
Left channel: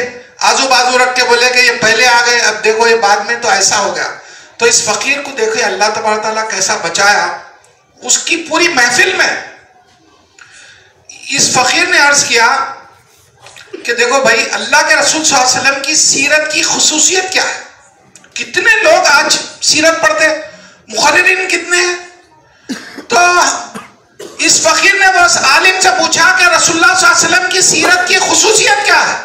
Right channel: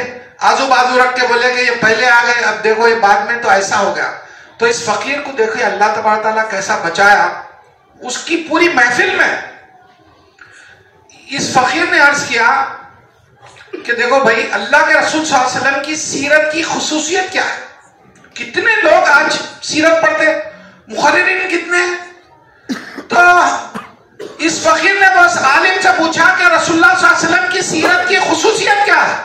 آزو بازو رکھ کے بولے کہ یہ پہلے آ گئے, اب دیکھو یہ بعد میں تو ایسا ہو گیا. تو اس فقیر کو دیکھو اللہ تبارک تعالیٰ کیسا بچایا. اس کی پوری محفل میں اس فقیر نے عرض کیا کہ دیکھو بھائی اللہ کے رسول صلی اللہ علیہ وسلم کی سیرت کی خصوصیت کیا ہے. کتنے لوگ آج سیرت پڑھتے, محررین کتنے ہیں. تو اس فقیر نے بس عالم سے پوچھا کہ رسول اللہ صلی اللہ علیہ وسلم کی سیرت کی خصوصیت کیا ہے.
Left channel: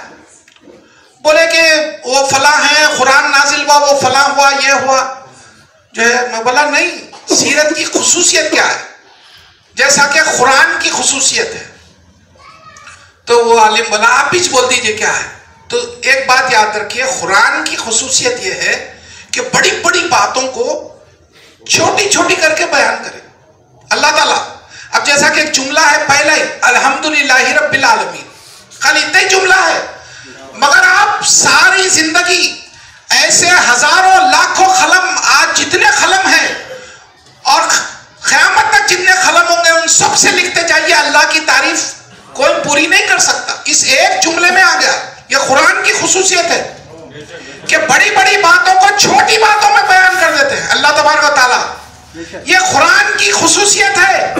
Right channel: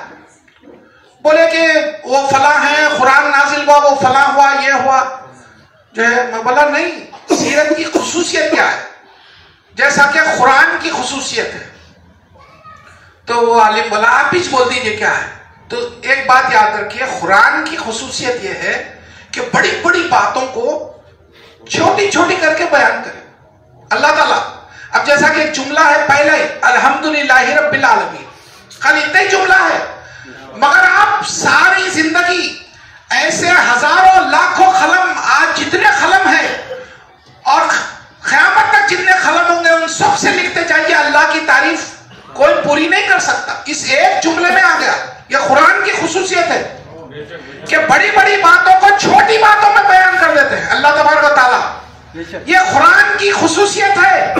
بولے کہ وہ فلاں ہے, قرآن نازل ہوا, وہ فلاں ہوا, یہ ہوا. جو ہے میں بولا نہیں, سیرت کی خصوصیت کیا ہے, جیسا کہ قرآن کی خصوصیت ہے. تو وہ عالم بولا آپ ہی بول دیجئے کیا ہے. تو ایک بات یاد رکھیے, قرآن کی خصوصیت یہ ہے کہ بڑی بڑی باتوں کو چھوٹی چھوٹی کر کے بیان کرے اللہ تعالیٰ. اب جیسا کہ ایک جملہ ہے پہلا ہی, الحمدللہ رب العالمین, خالی اتنا ہی جملہ ہے, مگر آپ ساری زندگی ایسے ہزاروں لاکھوں خلم, آج جتنے خلم ہیں اور قیامت تک جتنے خلم ہوں گے ان سب سے لکھتے جائیے, اللہ کی تعریف کوئی پوری نہیں کر سکتا. اس ایک جملے میں آ گیا. یہ قرآن کی خصوصیت ہے کہ بڑی بڑی باتوں کو چھوٹی باتوں میں بیان کر دیتے ہیں اللہ تبارک و تعالیٰ. یہ قرآن کی خصوصیت ہے,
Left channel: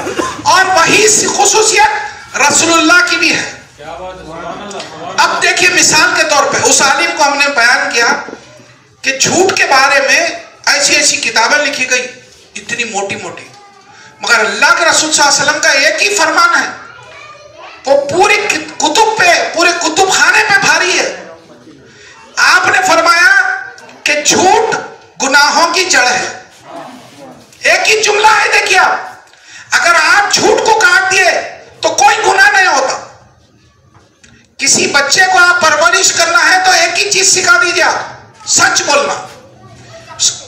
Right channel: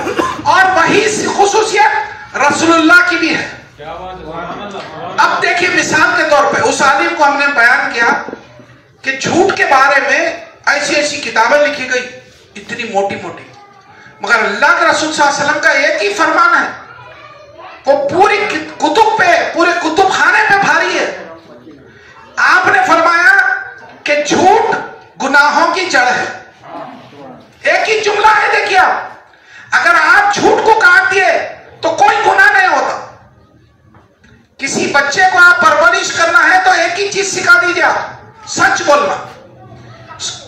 اور وہی خصوصیت رسول اللہ کی بھی ہے. اب دیکھیے مثال کے طور پہ اس عالم کو ہم نے بیان کیا کہ جھوٹ کے بارے میں ایسی ایسی کتابیں لکھی گئی اتنی موٹی موٹی, مگر اللہ کے رسول صلی اللہ علیہ وسلم کا ایک ہی فرمان ہے, وہ پوری کتب پہ, پورے کتب خانے پہ بھاری ہے. آپ نے فرمایا کہ جھوٹ گناہوں کی جڑ ہے. ایک ہی جملہ ہے, دیکھیے اگر آپ جھوٹ کو کاٹ دیے تو کوئی گناہ نہیں ہوتا. کسی بچے کو آپ پرورش کرنا ہے تو ایک ہی چیز سکھا دیجیے, سچ بولنا.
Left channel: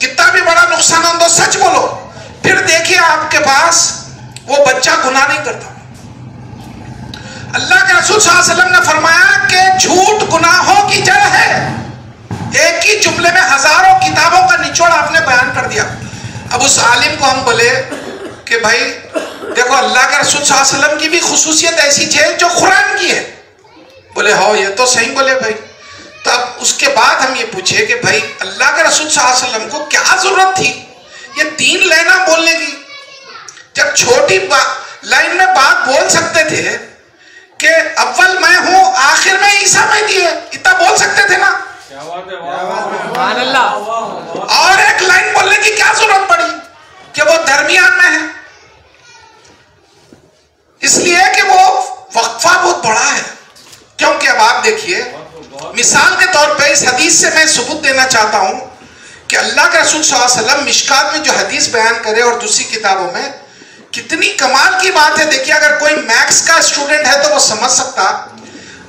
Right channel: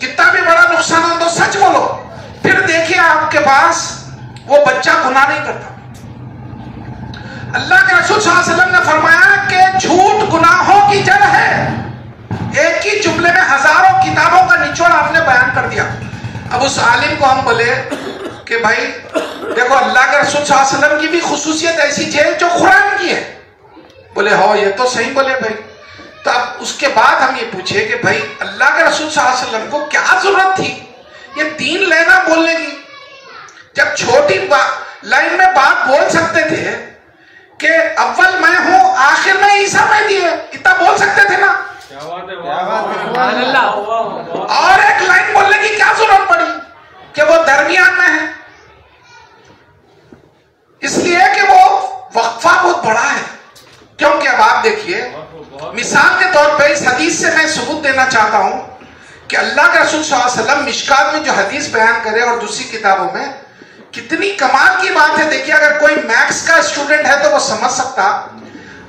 کتنا بھی بڑا نقصان ہو تو سچ بولو, پھر دیکھیے آپ کے پاس وہ بچہ گناہ نہیں کرتا. اللہ کے رسول صلی اللہ علیہ وسلم نے فرمایا کہ جھوٹ گناہوں کی جڑ ہے. ایک ہی جملے میں ہزاروں کتابوں کا نچوڑ آپ نے بیان کر دیا. اب اس عالم کو ہم بولے کہ بھائی دیکھو اللہ کے رسول صلی اللہ علیہ وسلم کی بھی خصوصیت ایسی ہے جو قرآن کی ہے. بولے ہاں یہ تو صحیح بولے بھائی. تو اب اس کے بعد ہم یہ پوچھے کہ بھائی اللہ کے رسول صلی اللہ علیہ وسلم کو کیا ضرورت تھی یہ 3 لینا بولنے کی, جب چھوٹی لائن میں بات بول سکتے تھے کہ اول میں ہوں آخر میں عیسیٰ مہدی ہے, اتنا بول سکتے تھے نا. سبحان اللہ. اور ایک لائن بولنے کی کیا ضرورت پڑی کہ وہ درمیان میں ہے. اس لیے کہ وہ وقفہ بہت بڑا ہے. کیونکہ اب آپ دیکھیے مثال کے طور پہ اس حدیث سے میں ثبوت دینا چاہتا ہوں کہ اللہ کے رسول صلی اللہ علیہ وسلم مشکات میں جو حدیث بیان کرے اور دوسری کتابوں میں, کتنی کمال کی بات ہے. دیکھیے اگر کوئی میکس کا اسٹوڈنٹ ہے تو وہ سمجھ سکتا.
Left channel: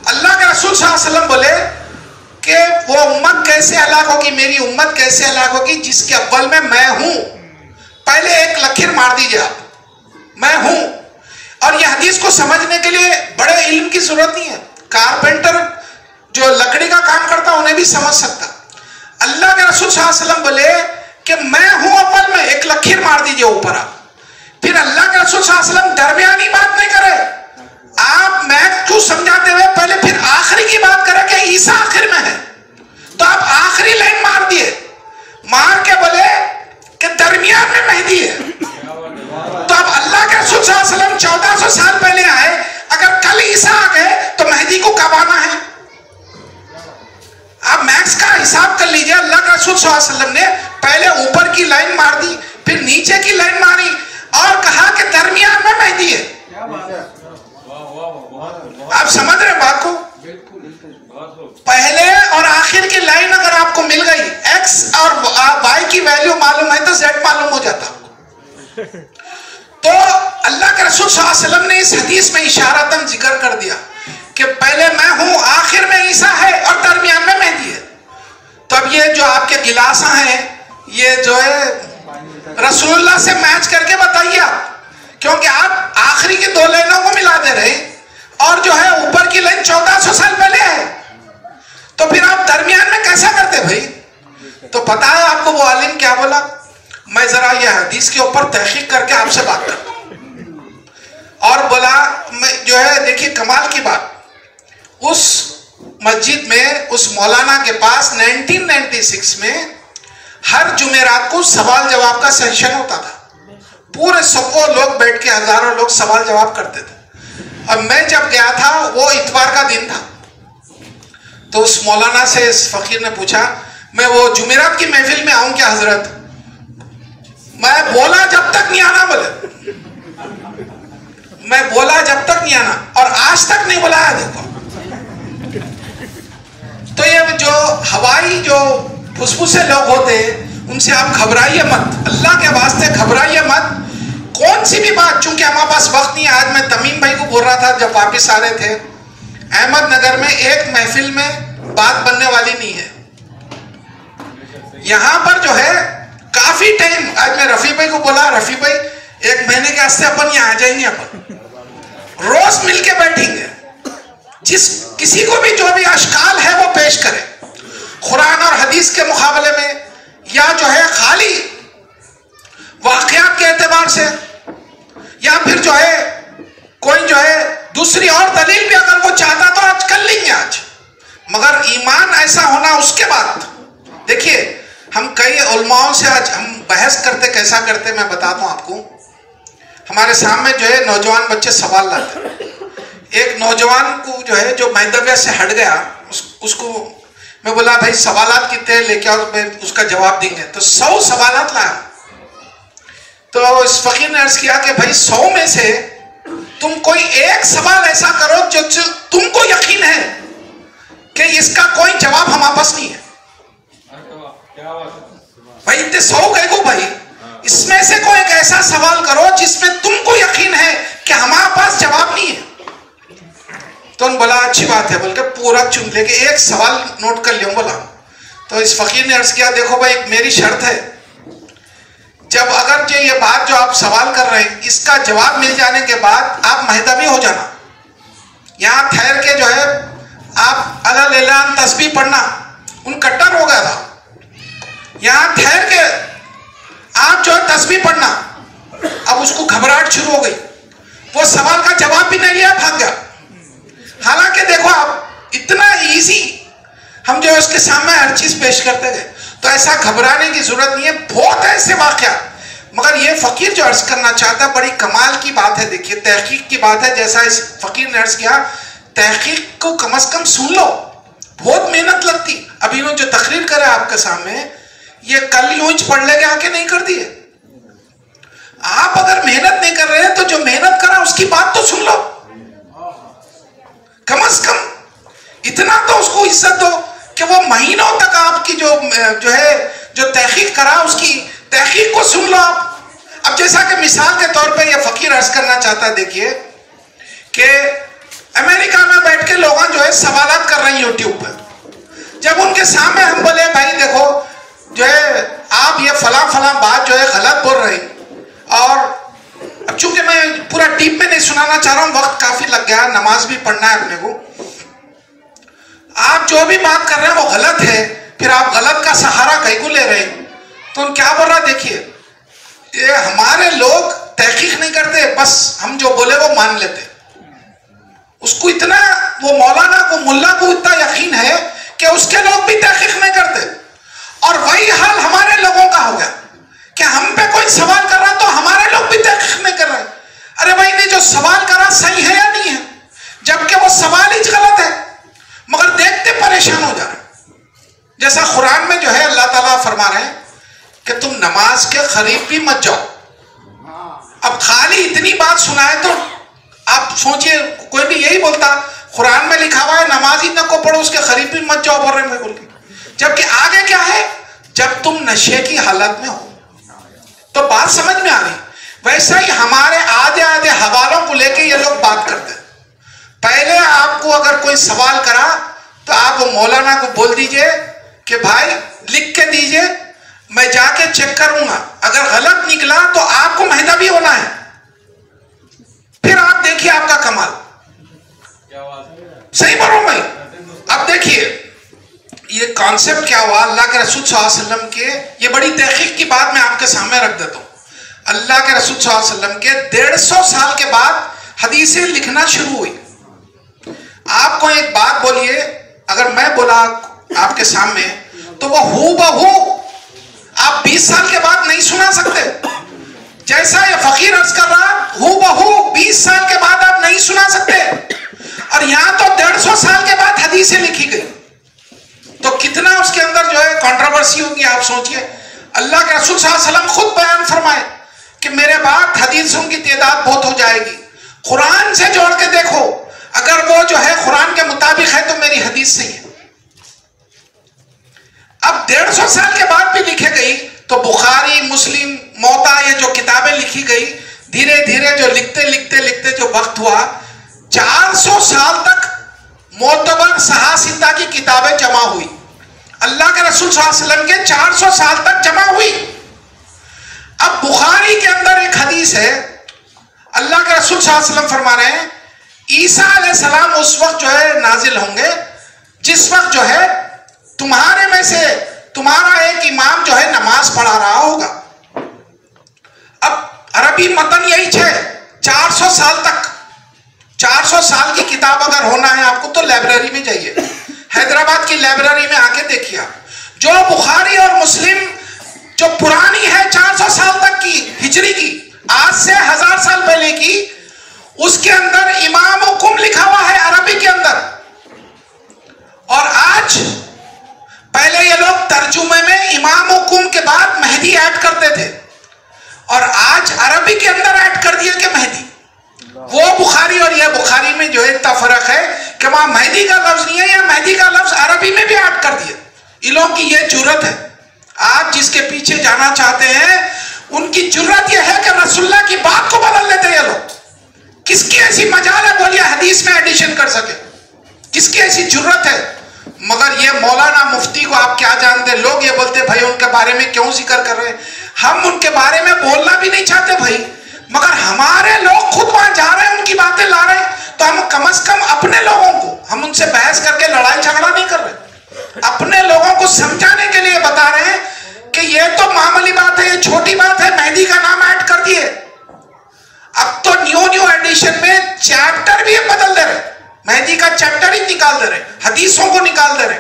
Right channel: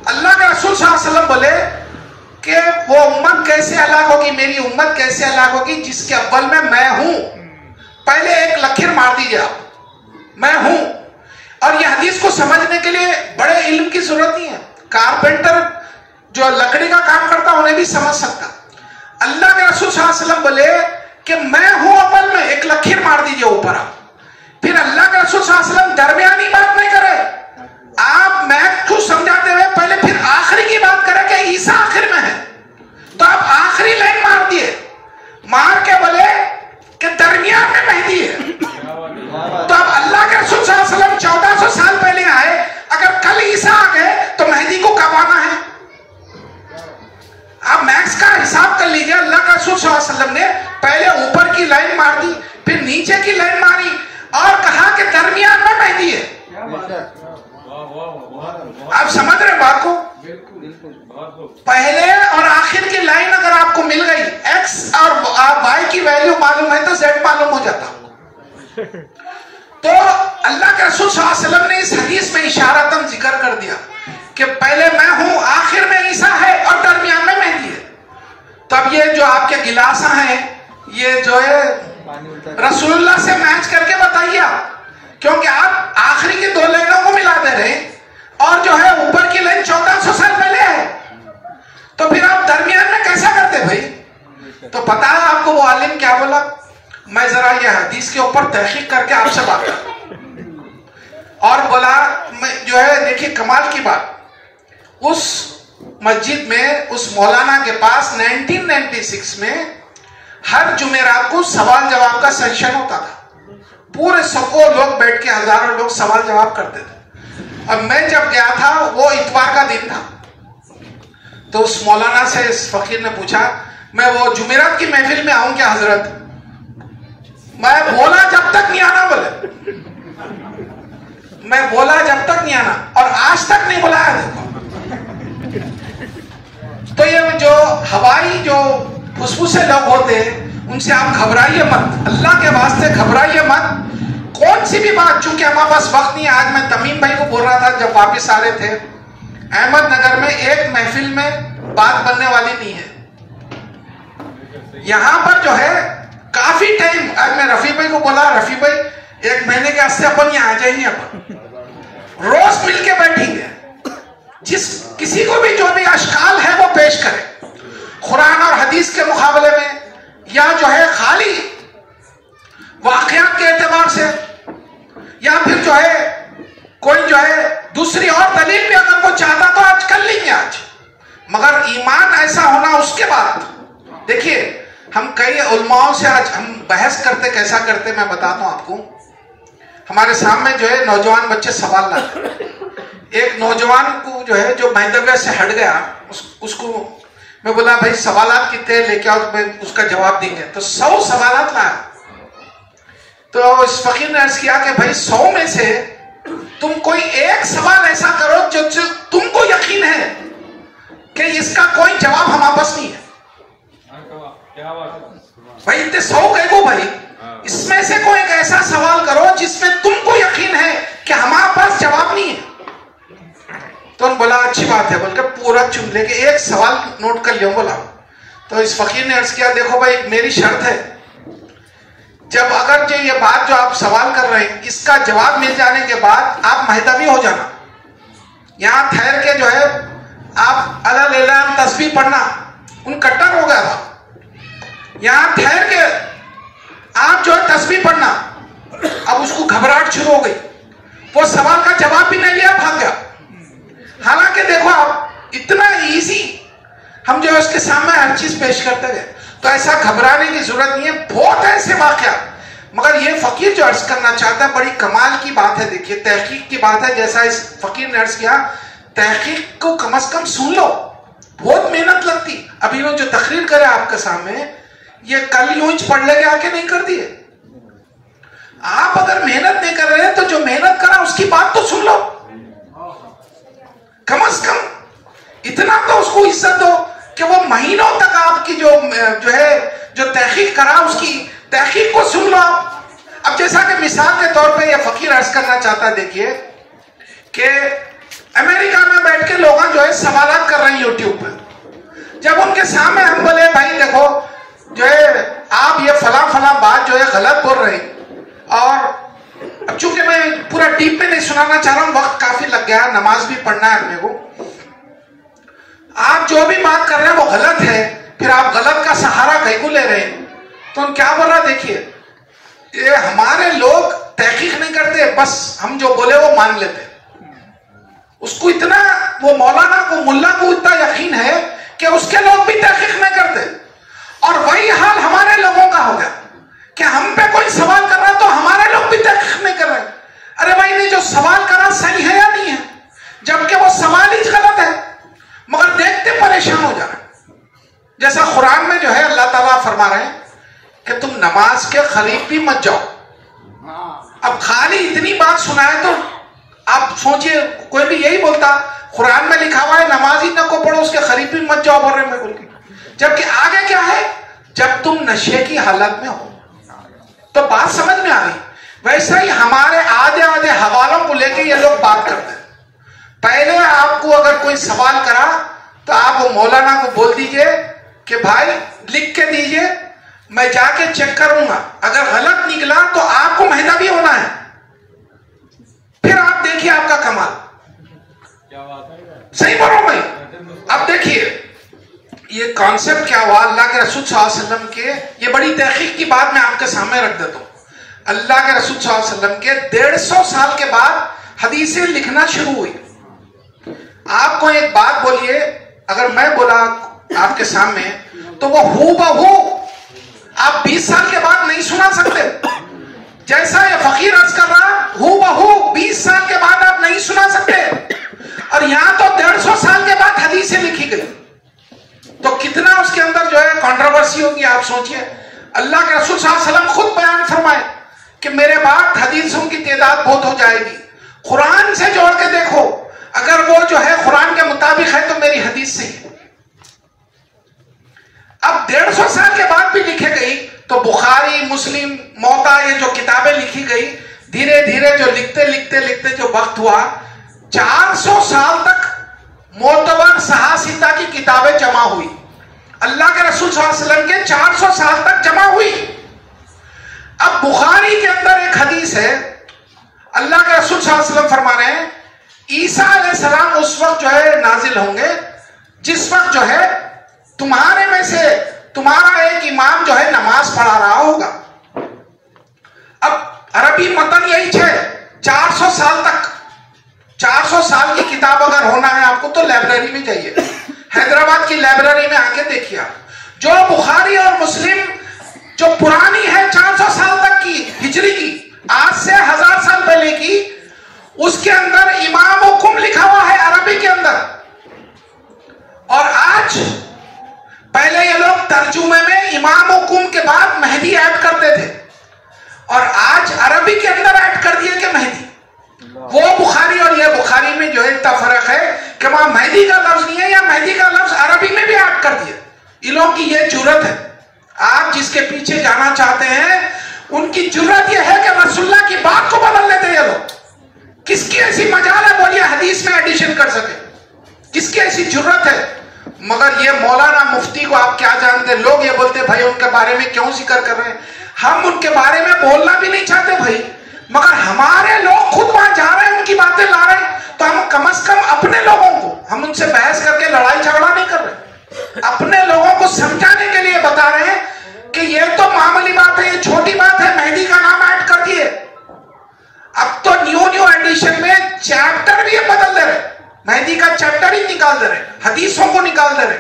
اللہ کے رسول صلی اللہ علیہ وسلم بولے کہ وہ امت کیسے ہلاک ہوگی, میری امت کیسے ہلاک ہوگی جس کے اول میں ہوں. پہلے ایک لکیر مار دیجیے آپ, میں ہوں. اور یہ حدیث کو سمجھنے کے لیے بڑے علم کی ضرورت نہیں ہے. کارپینٹر جو لکڑی کا کام کرتا انہیں بھی سمجھ سکتا. اللہ کے رسول صلی اللہ علیہ وسلم بولے کہ میں ہوں اول میں، ایک لکیر مار دیجئے اوپر آپ. پھر اللہ کے رسول صلی اللہ علیہ وسلم درمیانی بات نہیں کرے، آپ میں کیوں سمجھاتے ہوئے پہلے پھر آخری کی بات کرے کہ عیسیٰ آخر میں ہے، تو آپ آخری لائن مار دیے، مار کے بولے کہ درمیان میں مہدی ہے. تو اب اللہ کے رسول صلی اللہ علیہ وسلم 1400 سال پہلے آئے، اگر کل عیسیٰ آ گئے تو مہدی کو کب آنا ہے؟ آپ میکس کا حساب کر لیجئے. اللہ کے رسول صلی اللہ علیہ وسلم نے پہلے اوپر کی لائن مار دی، پھر نیچے کی لائن ماری اور کہا کہ درمیان میں مہدی ہے. آپ سمجھ رہے بات کو؟ پہلے اور آخر کی لائن اگر آپ کو مل گئی، ایکس اور وائی کی ویلیو معلوم ہے تو زیڈ معلوم ہو جاتا. تو اللہ کے رسول صلی اللہ علیہ وسلم نے اس حدیث میں اشارتاً ذکر کر دیا کہ پہلے میں ہوں، آخر میں عیسیٰ ہے اور درمیان میں مہدی ہے. تب یہ جو آپ کے گلاساں ہیں، یہ جو ہے رسول اللہ سے میچ کر کے بتائیے آپ، کیونکہ آپ آخری کی 2 لائنوں کو ملا دے رہے اور جو ہے اوپر کی لائن 1400 سال پہلے ہے، تو پھر آپ درمیان میں کیسا کرتے بھائی؟ تو پتا ہے آپ کو وہ عالم کیا بولا؟ میں ذرا یہ حدیث کے اوپر تحقیق کر کے آپ سے بات کرتا ہوں. اور بولا میں جو ہے دیکھیے کمال کی بات، اس مسجد میں اس مولانا کے پاس 1996 میں ہر جمعرات کو سوال جواب کا سیشن ہوتا تھا. پورے سکوں لوگ بیٹھ کے، ہزاروں لوگ سوال جواب کرتے تھے. اب میں جب گیا تھا وہ اتوار کا دن تھا، تو اس مولانا سے اس فقیر نے پوچھا میں وہ جمعرات کی محفل میں آؤں کیا حضرت؟ میں بولا جب تک نہیں آنا، بولے میں بولا جب تک نہیں آنا اور آج تک نہیں بلایا. دیکھو تو یہ جو ہوائی جو پھسپھسے لوگ ہوتے ہیں ان سے آپ گھبرائیے مت، اللہ کے واسطے گھبرائیے مت. کون سی بھی بات، چونکہ ہمارے پاس وقت نہیں ہے. آج میں تمیم بھائی کو بول رہا تھا جب واپس آ رہے تھے، احمد نگر میں ایک محفل میں بات بننے والی نہیں ہے. یہاں پر جو ہے کافی ٹائم، آج میں رفیع بھائی کو بولا رفیع بھائی 1 مہینے کے واسطے اپن یہاں آ جائیں گے، اپن روز مل کے بیٹھیں گے، جس کسی کو بھی جو بھی اشکال ہے وہ پیش کرے قرآن اور حدیث کے مقابلے میں، یا جو ہے خالی واقعات کے اعتبار سے، یا پھر جو ہے کوئی جو ہے دوسری اور دلیل بھی اگر وہ چاہتا تو آج کر لیں گے آج. مگر ایمان ایسا ہونا اس کے بعد. دیکھیے ہم کئی علماؤں سے آج ہم بحث کرتے، کیسا کرتے میں بتاتا ہوں آپ کو. ہمارے سامنے جو ہے نوجوان بچے سوال لاتے. ایک نوجوان کو جو ہے جو مہدویہ سے ہٹ گیا، اس کو میں بولا بھائی سوالات کتنے لے کے اور میں اس کا جواب دیں گے، تو 100 سوالات لایا. تو اس فقیر نے عرض کیا کہ بھائی 100 میں سے تم کوئی ایک سوال ایسا کرو جو تم کو یقین ہے کہ اس کا کوئی جواب ہمارے پاس نہیں ہے. بھائی اتنے 100 کہہ گو بھائی، اس میں سے کوئی ایک ایسا سوال کرو جس میں تم کو یقین ہے کہ ہمارے پاس جواب نہیں ہے. تو انہوں نے بولا اچھی بات ہے، بول کے پورا چن لے کے ایک سوال نوٹ کر لیوں. بولا تو اس فقیر نے عرض کیا دیکھو بھائی ایک میری شرط ہے، جب اگر جو یہ بات جو آپ سوال کر رہے ہیں اس کا جواب مل جانے کے بعد آپ مہدوی ہو جانا، یہاں ٹھہر کے جو ہے آپ اللہ اعلان تسبیح پڑھنا. ان کٹر ہو گیا تھا، یہاں ٹھہر کے آپ جو ہے تسبیح پڑھنا. اب اس کو گھبراہٹ شروع ہو گئی، وہ سوال کا جواب بھی نہیں لیا، بھاگ گیا. حالانکہ دیکھو آپ اتنا ایزی ہم جو اس کے سامنے ہر چیز پیش کرتے گئے، تو ایسا گھبرانے کی ضرورت نہیں ہے. بہت ایسے واقعات. مگر یہ فقیر جو عرض کرنا چاہتا ہے بڑی کمال کی بات ہے. دیکھیے تحقیق کی بات ہے، جیسا اس فقیر نے عرض کیا تحقیق کو کم از کم سن لو، بہت محنت لگتی. ابھی وہ جو تقریر کرے آپ کے سامنے یہ کل یوں پڑھ لے کے آ کے نہیں کر دیے. آپ اگر محنت نہیں کر رہے ہیں تو جو محنت کرا اس کی بات تو سن لو، کم از کم اتنا تو اس کو عزت دو کہ وہ مہینوں تک آپ کی جو ہے جو تحقیق کرا اس کی تحقیق کو سن لو. اب جیسا کہ مثال کے طور پہ یہ فقیر عرض کرنا چاہتا ہے، دیکھیے کہ امریکہ میں بیٹھ کے لوگ جو ہے سوالات کر رہے ہیں یوٹیوب پہ. جب ان کے سامنے ہم بولے بھائی دیکھو جو ہے آپ یہ فلاں فلاں بات جو ہے غلط بول رہے ہیں، اور اب چونکہ میں پورا ٹیپ میں نہیں سنانا چاہ رہا ہوں، وقت کافی لگ گیا، نماز بھی پڑھنا ہے اپنے کو. آپ جو بھی بات کر رہے ہیں وہ غلط ہے، پھر آپ غلط کا سہارا کہیں کو لے رہے ہیں. تو ان کیا بول رہا ہے؟ دیکھیے یہ ہمارے لوگ تحقیق نہیں کرتے، بس ہم جو بولے وہ مان لیتے. اس کو اتنا، وہ مولانا کو، ملا کو اتنا یقین ہے کہ اس کے لوگ بھی تحقیق نہیں کرتے. اور وہی حال ہمارے لوگوں کا ہو گیا کہ ہم پہ کوئی سوال کر رہا تو ہمارے لوگ بھی تحقیق نہیں کر رہے. ارے بھائی نے جو سوال کرا صحیح ہے یا نہیں ہے؟ جبکہ وہ سوال ہی غلط ہے، مگر دیکھتے پریشان ہو جا رہے. جیسا قرآن میں جو ہے اللہ تعالیٰ فرما رہے ہیں کہ تم نماز کے قریب بھی مت جاؤ. اب خالی اتنی بات سنائے تو آپ سوچئے کوئی بھی یہی بولتا قرآن میں لکھا ہوا ہے نماز ہی نہ کو پڑھو، اس کے قریب بھی مت جاؤ بول رہے ہیں بول کے. جبکہ آگے کیا ہے؟ جب تم نشے کی حالت میں ہو. تو بات سمجھ میں آ رہی. ویسا ہی ہمارے آدھے حوالوں کو لے کے یہ لوگ بات کرتے ہیں. پہلے آپ کو اگر کوئی سوال کرا تو آپ وہ مولانا کو بول دیجئے کہ بھائی لکھ کے دیجئے، میں جا کے چیک کروں گا، اگر غلط نکلا تو آپ کو مہدوی ہونا ہے. پھر آپ دیکھیے آپ کا کمال. صحیح بول رہا ہوں بھائی. اب دیکھیے یہ کانسیپٹ کیا ہوا اللہ کے رسول صلی اللہ علیہ وسلم کے. یہ بڑی تحقیق کی بات میں آپ کے سامنے رکھ دیتا ہوں. اللہ کے رسول صلی اللہ علیہ وسلم کے 150 سال کے بعد حدیثیں لکھنا شروع ہوئی. آپ کو ایک بات بولیے، اگر میں بولا آپ کے سامنے تو وہ ہو بہو آپ 20 سال کے بعد نہیں سنا سکتے. جیسا یہ فقیر عرض کر رہا ہو بہو 20 سال کے بعد آپ نہیں سنا سکتے. اور یہاں تو 150 سال کے بعد حدیثیں لکھی گئی. تو کتنا اس کے اندر جو ہے کنٹروورسی ہوگی آپ سوچئے. اللہ کے رسول صلی اللہ علیہ وسلم خود بیان فرمائے کہ میرے بعد حدیثوں کی تعداد بہت ہو جائے گی. قرآن سے جوڑ کے دیکھو، اگر وہ جو ہے قرآن کے مطابق ہے تو میری حدیث صحیح ہے. اب 150 سال کے بعد بھی لکھے گئی تو بخاری، مسلم، موطا، یہ جو کتابیں لکھی گئی دھیرے دھیرے جو لکھتے جو وقت ہوا 400 سال تک معتبر صحاح کی کتابیں جمع ہوئی. اللہ کے رسول صلی اللہ علیہ وسلم کے 400 سال تک جمع ہوئی. اب بخاری کے اندر ایک حدیث ہے، اللہ کے رسول صلی اللہ علیہ وسلم فرما رہے ہیں عیسیٰ علیہ السلام اس وقت جو ہے نازل ہوں گے جس وقت جو ہے تمہارے میں سے تمہارا ایک امام جو ہے نماز پڑھا رہا ہوگا. اب عربی متن یہی 400 سال تک. 400 سال کی کتاب اگر ہونا ہے آپ کو تو لائبریری میں جائیے، حیدرآباد کی لائبریری میں آ کے دیکھیے آپ جو بخاری اور مسلم جو پرانی ہے 400 سال تک کی ہجری کی، آج سے 1000 سال پہلے کی، اس کے اندر امام حکم لکھا ہوا ہے عربی کے اندر. اور آج پہلے یہ لوگ ترجمے میں امام حکم کے بعد مہدی ایڈ کرتے تھے اور آج عربی کے اندر ایڈ کر دیا کہ مہدی. وہ بخاری اور یہ بخاری میں جو اتنا فرق ہے کہ وہاں مہدی کا لفظ نہیں ہے، یا مہدی کا لفظ عربی میں بھی ایڈ کر دیا. ان لوگوں کی یہ جرت ہے. آپ جس کے پیچھے جانا چاہتے ہیں ان کی جرت یہ ہے کہ رسول اللہ کی بات کو بدل لیتے ہیں یہ لوگ. کس کی ایسی مجال ہے بولیے حدیث میں ایڈیشن کر سکے؟ کس کی ایسی جرت ہے؟ مگر یہ مولانا مفتی کو آپ کیا جانتے؟ لوگ یہ بولتے بھائی ان کے بارے میں کیوں ذکر کر رہے ہیں؟ ہم ان کے بارے میں بولنا بھی نہیں چاہتے بھائی، مگر ہمارے لوگ خود وہاں جا رہے ہیں، ان کی باتیں لا رہے ہیں، تو ہم کم از کم اپنے لوگوں کو، ہم ان سے بحث کر کے لڑائی جھگڑا نہیں کر رہے، اپنے لوگوں کو سمجھانے کے لیے بتا رہے ہیں کہ یہ تو معمولی بات ہے، یہ چھوٹی بات ہے، مہدی کا نام ایڈ کر دیے. اب تو نیو ایڈیشن میں چیپٹر بھی بدل دے رہے، مہدی کا چیپٹر ہی نکال دے رہے، حدیثوں کو نکال دے رہے.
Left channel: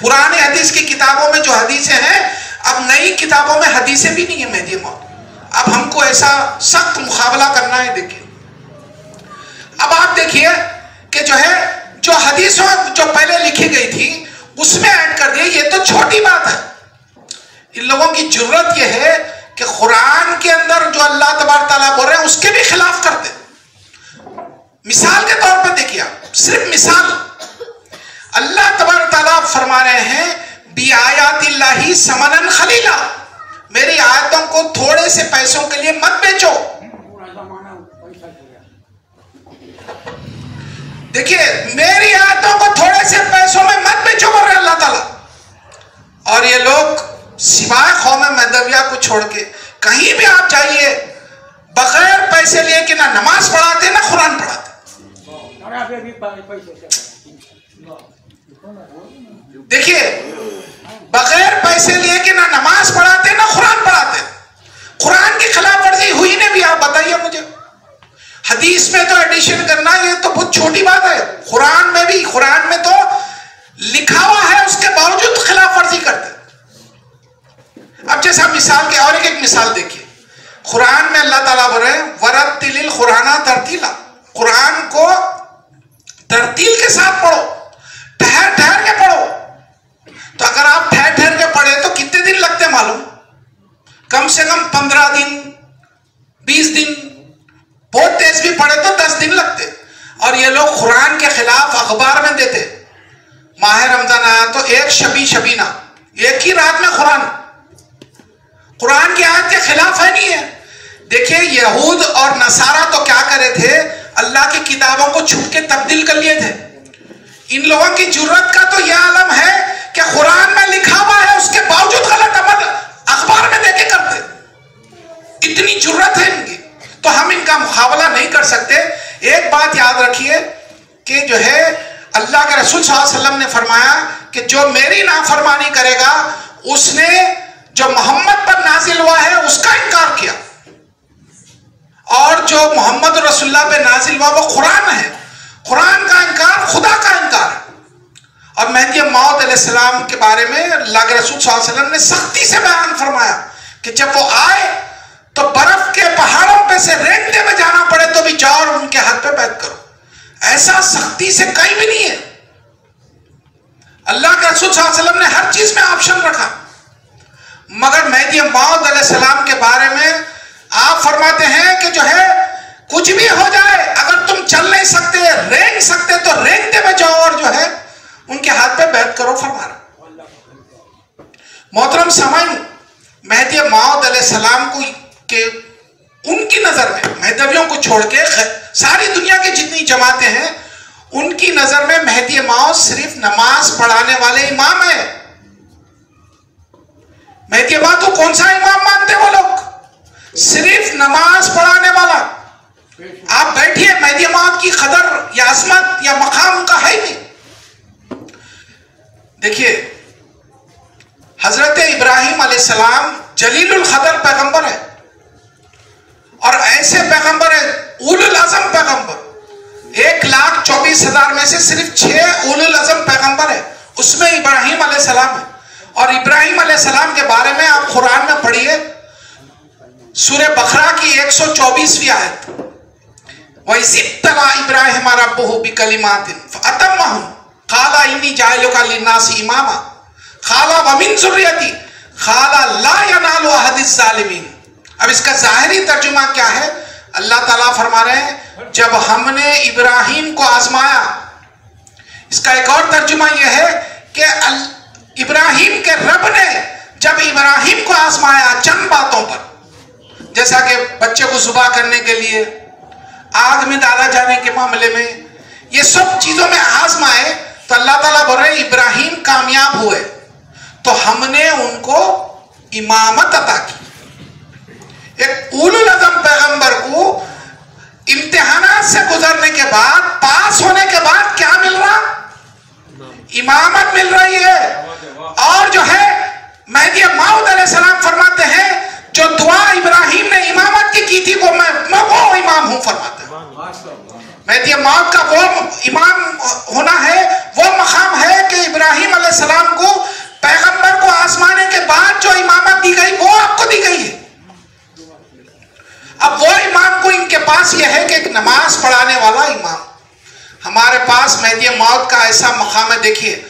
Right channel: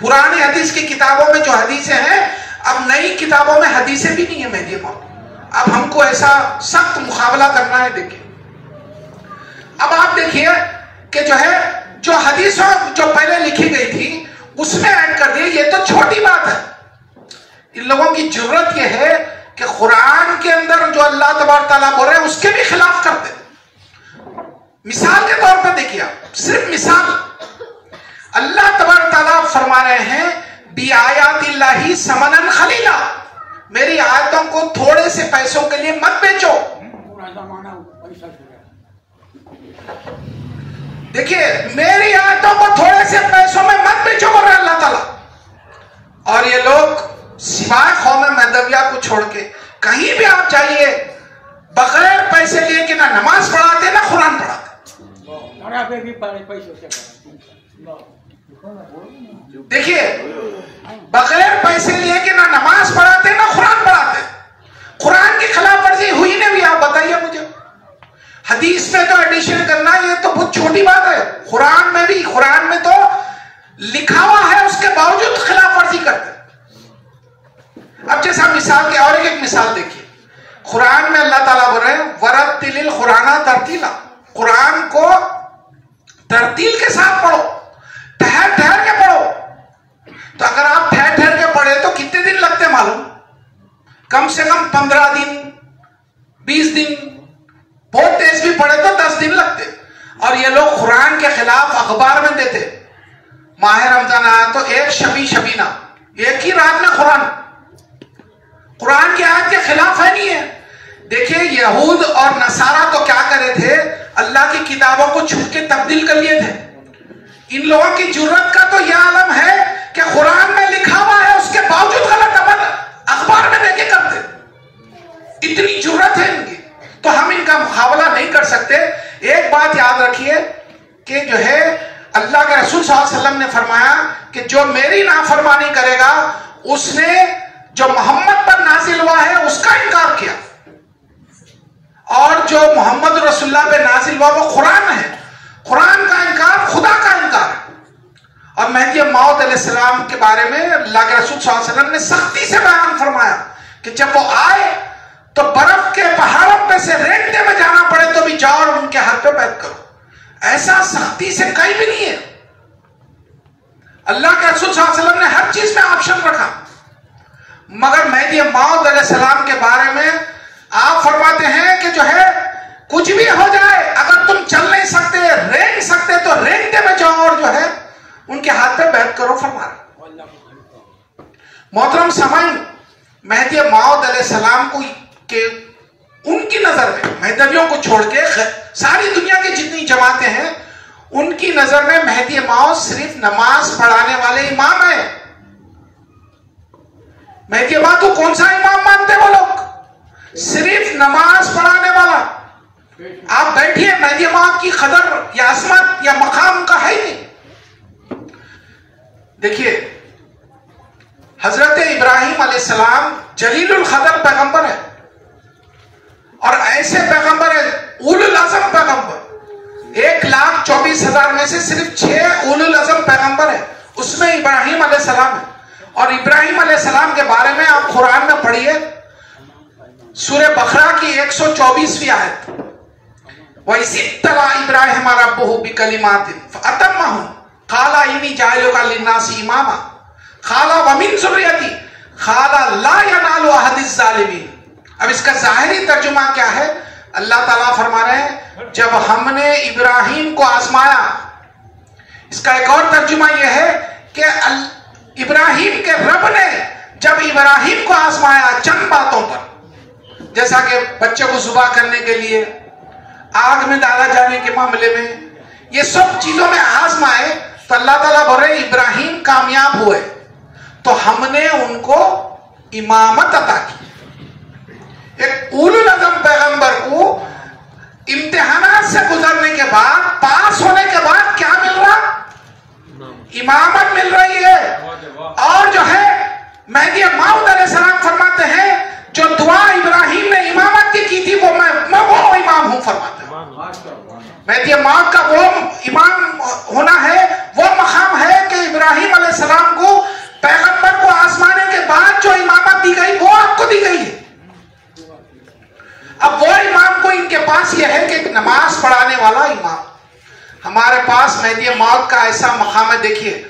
پرانے حدیث کی کتابوں میں جو حدیثیں ہیں اب نئی کتابوں میں حدیثیں بھی نہیں ہیں مہدی موت. اب ہم کو ایسا سخت مقابلہ کرنا ہے. دیکھیں اب آپ دیکھیے کہ جو ہے جو حدیثوں جو پہلے لکھی گئی تھی اس میں ایڈ کر دیے، یہ تو چھوٹی بات ہے. ان لوگوں کی جرت یہ ہے کہ قرآن کے اندر جو اللہ تبارک تعالیٰ بول رہے ہیں اس کے بھی خلاف کرتے. مثال کے طور پہ دیکھیے آپ، صرف مثال، اللہ تبارک تعالیٰ فرما رہے ہیں بِآیَاتِ اللَّهِ ثَمَنًا قَلِيلًا، میری آیتوں کو تھوڑے سے پیسوں کے لیے مت بیچو. دیکھیے میری آیتوں کو تھوڑے سے پیسوں میں مت بیچو بول رہے اللہ تعالیٰ. اور یہ لوگ سوائے قوم مہدویہ کو چھوڑ کے کہیں بھی آپ جائیے بغیر پیسے لیے کہ نہ نماز پڑھاتے نہ قرآن پڑھاتے. دیکھیے بغیر پیسے لیے کہ نہ نماز پڑھاتے نہ قرآن پڑھاتے. قرآن کی خلاف ورزی ہوئی نہیں بھی, آپ بتائیے مجھے. حدیث میں تو ایڈیشن کرنا یہ تو بہت چھوٹی بات ہے, قرآن میں بھی, قرآن میں تو لکھا ہوا ہے اس کے باوجود خلاف ورزی کرتے. اب جیسا مثال کے اور ایک مثال دیکھیے, قرآن میں اللہ تعالیٰ بول رہے ہیں وَرَتِّلِ الْقُرْآنَ تَرْتِيلًا, قرآن کو ترتیل کے ساتھ پڑھو, ٹھہر ٹھہر کے پڑھو. تو اگر آپ ٹھہر ٹھہر کے پڑھے تو کتنے دن لگتے معلوم؟ کم سے کم 15 دن 20 دن, بہت تیز بھی پڑھے تو 10 دن لگتے. اور یہ لوگ قرآن کے خلاف اخبار میں دیتے, ماہ رمضان آیا تو ایک شبینہ, ایک ہی رات میں قرآن کی آیت کے خلاف ہے نہیں ہے. دیکھیں یہود اور نصارہ تو کیا کرے تھے, اللہ کی کتابوں کو چھوٹ کے تبدیل کر لیے تھے. ان لوگوں کی جرت کا تو یہ عالم ہے کہ قرآن میں لکھا ہوا ہے اس کے باوجود غلط عمل اخبار میں دے کے کرتے. اتنی جرت ہے ان کی, تو ہم ان کا مقابلہ نہیں کر سکتے. ایک بات یاد رکھیے کہ جو ہے اللہ کے رسول صلی اللہ علیہ وسلم نے فرمایا کہ جو میری نافرمانی کرے گا اس نے جو محمد پر نازل ہوا ہے اس کا انکار کیا, اور جو محمد رسول اللہ پہ نازل ہوا وہ قرآن ہے. قرآن کا انکار خدا کا انکار ہے. اور مہدی موعود علیہ السلام کے بارے میں اللہ کے رسول صلی اللہ علیہ وسلم نے سختی سے بیان فرمایا کہ جب وہ آئے تو برف کے پہاڑوں پہ سے رینگتے میں جانا پڑے تو بھی جاؤ اور ان کے ہاتھ پہ بیعت کرو. ایسا سختی سے کہیں بھی نہیں ہے. اللہ کے رسول صلی اللہ علیہ وسلم نے ہر چیز میں آپشن رکھا, مگر مہدی موعود علیہ السلام کے بارے میں آپ فرماتے ہیں کہ جو ہے کچھ بھی ہو جائے, اگر تم چل نہیں سکتے رینگ سکتے تو رینگتے میں جاؤ اور جو ہے ان کے ہاتھ پہ بیعت کرو فرمایا. محترم سامعین, مہدی موعود علیہ السلام کو کہ ان کی نظر میں, مہدویوں کو چھوڑ کے ساری دنیا کی جتنی جماعتیں ہیں ان کی نظر میں مہدی موعود صرف نماز پڑھانے والے امام ہیں. مہدی موعود کو کون سا امام مانتے وہ لوگ؟ صرف نماز پڑھانے والا. آپ بیٹھیے, مہدی موعود کی قدر یا عظمت یا مقام کا ہے نہیں. دیکھیے حضرت ابراہیم علیہ السلام جلیل القدر پیغمبر ہے, اور ایسے پیغمبر ہے اولو العزم پیغمبر. 1,24,000 میں سے صرف 6 اولو العزم پیغمبر ہے, اس میں ابراہیم علیہ السلام ہے. اور ابراہیم علیہ السلام کے بارے میں آپ قرآن میں پڑھیے, سورہ بقرہ کی 124ویں آیت, وَإِذِ ابْتَلَىٰ إِبْرَاهِيمَ رَبُّهُ بِكَلِمَاتٍ فَأَتَمَّهُنَّ قَالَ إِنِّي جَاعِلُكَ لِلنَّاسِ إِمَامًا قَالَ وَمِن ذُرِّيَّتِي قَالَ لَا يَنَالُ عَهْدِ الظَّالِمِينَ. اب اس کا ظاہری ترجمہ کیا ہے؟ اللہ تعالیٰ فرما رہے ہیں جب ہم نے ابراہیم کو آزمایا. اس کا ایک اور ترجمہ یہ ہے کہ ابراہیم کے رب نے جب ابراہیم کو آزمایا چند باتوں پر, جیسا کہ بچے کو ذبح کرنے کے لیے, آگ میں ڈالا جانے کے معاملے میں, یہ سب چیزوں میں آزمائے, تو اللہ تعالیٰ بول رہے ہیں ابراہیم کامیاب ہوئے تو ہم نے ان کو امامت عطا کی. ایک اولو العزم پیغمبر کو امتحانات سے گزرنے کے بعد, پاس ہونے کے بعد کیا مل رہا؟ امامت مل رہی ہے. اور جو ہے مہدی موعود علیہ السلام فرماتے ہیں جو دعا ابراہیم نے امامت کی تھی وہ میں وہ امام ہوں فرماتا ہوں. مہدی موعود کا وہ امام ہونا ہے, وہ مقام ہے کہ ابراہیم علیہ السلام کو پیغمبر کو آزمانے کے بعد جو امامت دی گئی وہ آپ کو دی گئی ہے. اب وہ امام کو ان کے پاس یہ ہے کہ ایک نماز پڑھانے والا امام. ہمارے پاس مہدی موعود کا ایسا مقام ہے. دیکھیے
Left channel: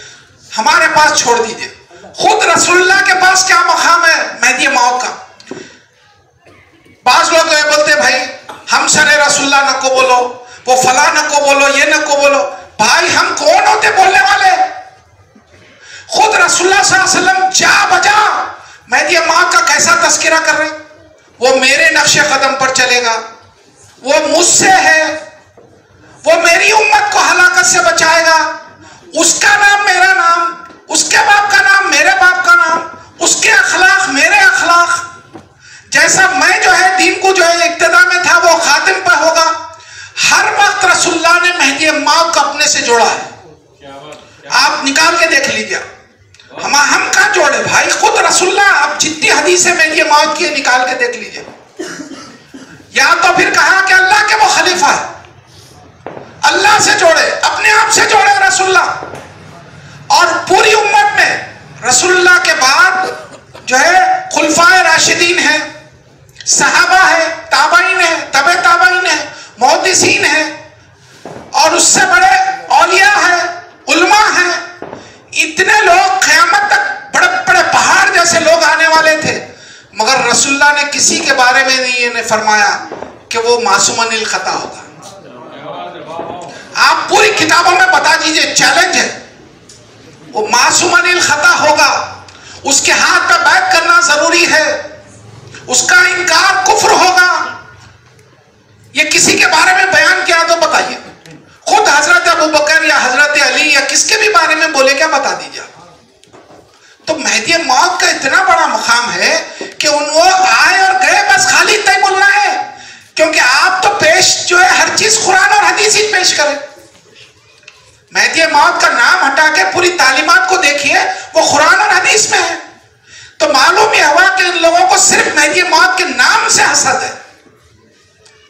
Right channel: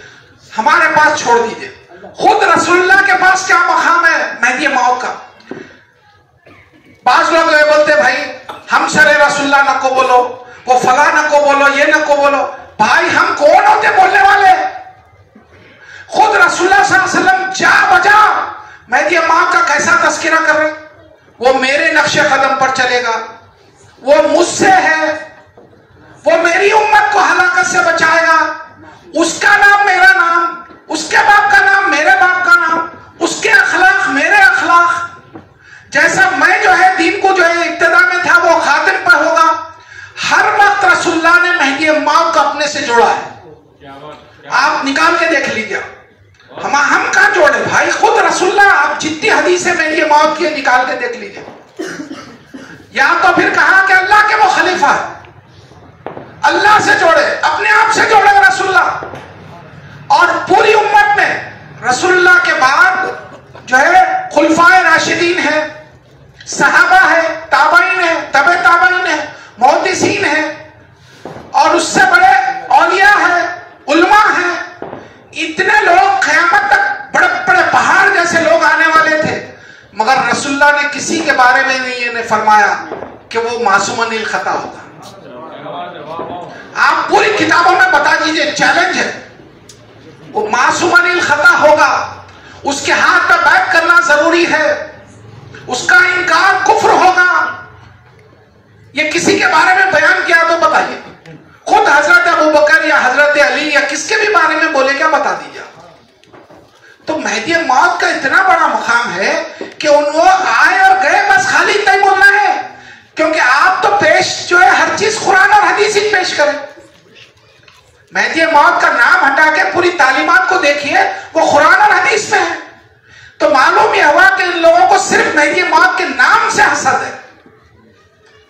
ہمارے پاس چھوڑ دیجئے, خود رسول اللہ کے پاس کیا مقام ہے مہدی موعود کا. بعض لوگ یہ بولتے بھائی ہم سر رسول اللہ نہ کو بولو, وہ فلاں نہ کو بولو, یہ نہ کو بولو. بھائی ہم کون ہوتے بولنے والے؟ خود رسول اللہ صلی اللہ علیہ وسلم جا بجا مہدی موعود کا کیسا تذکرہ کر رہے. وہ میرے نقش قدم پر چلے گا, وہ مجھ سے ہے, وہ میری امت کو ہلاکت سے بچائے گا. اس کا نام میرا نام, اس کے باپ کا نام میرے باپ کا نام, اس کے اخلاق میرے اخلاق. جیسا میں جو ہے دین کو جو ہے ابتدا میں تھا وہ خاتم پہ ہوگا. ہر وقت رسول اللہ نے مہدی موعود کو اپنے سے جوڑا ہے. آپ سے جوڑے, اپنے آپ سے جوڑے رسول اللہ. اور پوری امت میں رسول اللہ کے بعد جو ہے خلفائے راشدین ہیں, صحابہ ہیں, تابعین ہیں, تبع تابعین ہیں, محدثین ہیں, اور اس سے بڑے اولیاء ہیں, علماء ہیں. اتنے لوگ قیامت تک بڑے بڑے پہاڑ جیسے لوگ آنے والے تھے, مگر رسول اللہ نے کسی کے بارے میں نہیں فرمایا کہ وہ معصوم عن الخطا ہوگا. آپ پوری کتابوں میں بتا دیجئے, چیلنج ہے, وہ معصوم عن الخطا ہوگا, اس کے ہاتھ پہ بیعت کرنا ضروری ہے, اس کا انکار کفر ہوگا. یہ کسی کے بارے میں بیان کیا تو بتائیے, خود حضرت ابوبکر یا حضرت علی یا کس کے بھی بارے میں بولے کیا بتا دیجئے. تو مہدی موعود کا اتنا بڑا مقام ہے کہ وہ آئے اور گئے, بس خالی اتنا ہی بولنا ہے, کیونکہ آپ تو پیش جو ہے ہر چیز قرآن اور حدیث ہی پیش کریں. مہدی موعود کا نام ہٹا کے پوری تعلیمات کو دیکھیے, وہ قرآن اور حدیث میں ہے. تو معلوم یہ ہوا کہ ان لوگوں کو صرف مہدی موعود کے نام سے حسد ہے,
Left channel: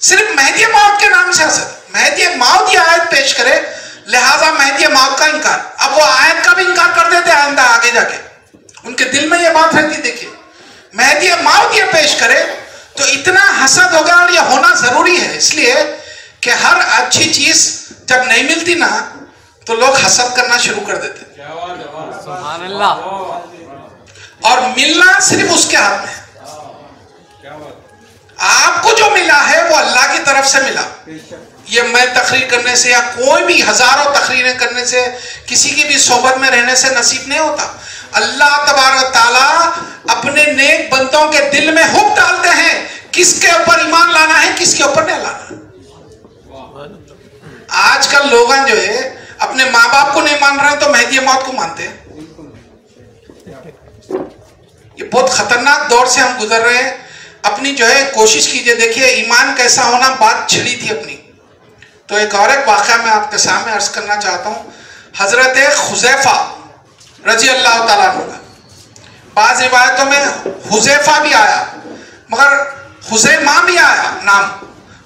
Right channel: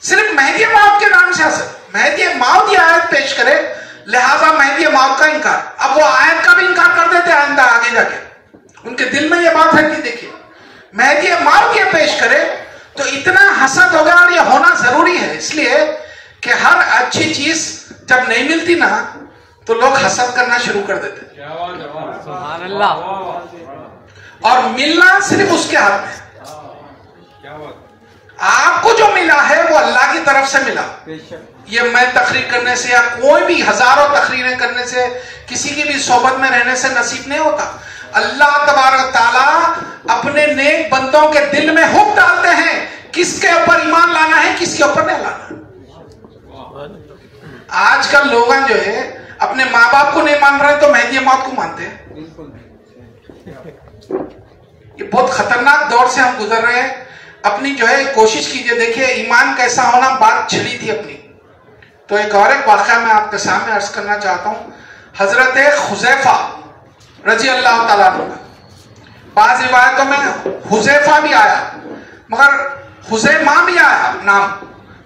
صرف مہدی موعود کے نام سے حسد. مہدی موعود یہ آیت پیش کرے, لہذا مہدی موعود کا انکار. اب وہ آیت کا بھی انکار کر دیتے آئندہ آگے جا کے, ان کے دل میں یہ بات رہتی. دیکھیے مہدی موعود یہ پیش کرے تو اتنا حسد ہوگا, اور یہ ہونا ضروری ہے, اس لیے کہ ہر اچھی چیز جب نہیں ملتی نا تو لوگ حسد کرنا شروع کر دیتے, سبحان اللہ. اور ملنا صرف اس کے ہاتھ میں ہے. آپ کو جو ملا ہے وہ اللہ کی طرف سے ملا. یہ میں تقریر کرنے سے یا کوئی بھی ہزاروں تقریریں کرنے سے, کسی کی بھی صحبت میں رہنے سے نصیب نہیں ہوتا. اللہ تبارک تعالیٰ اپنے نیک بندوں کے دل میں حکم ڈالتے ہیں کس کے اوپر ایمان لانا ہے, کس کے اوپر نہیں لانا. آج کل لوگاں جو ہے اپنے ماں باپ کو نہیں مان رہے تو مہدی موعود کو مانتے ہیں. یہ بہت خطرناک دور سے ہم گزر رہے ہیں. اپنی جو ہے کوشش کیجئے, دیکھیے ایمان کیسا ہونا, بات چھڑی تھی اپنی. تو ایک واقعہ میں آپ کے سامنے عرض کرنا چاہتا ہوں. حضرت حذیفہ رضی اللہ تعالیٰ عنہ کا, بعض روایتوں میں حذیفہ بھی آیا مگر حذیمہ بھی آیا نام.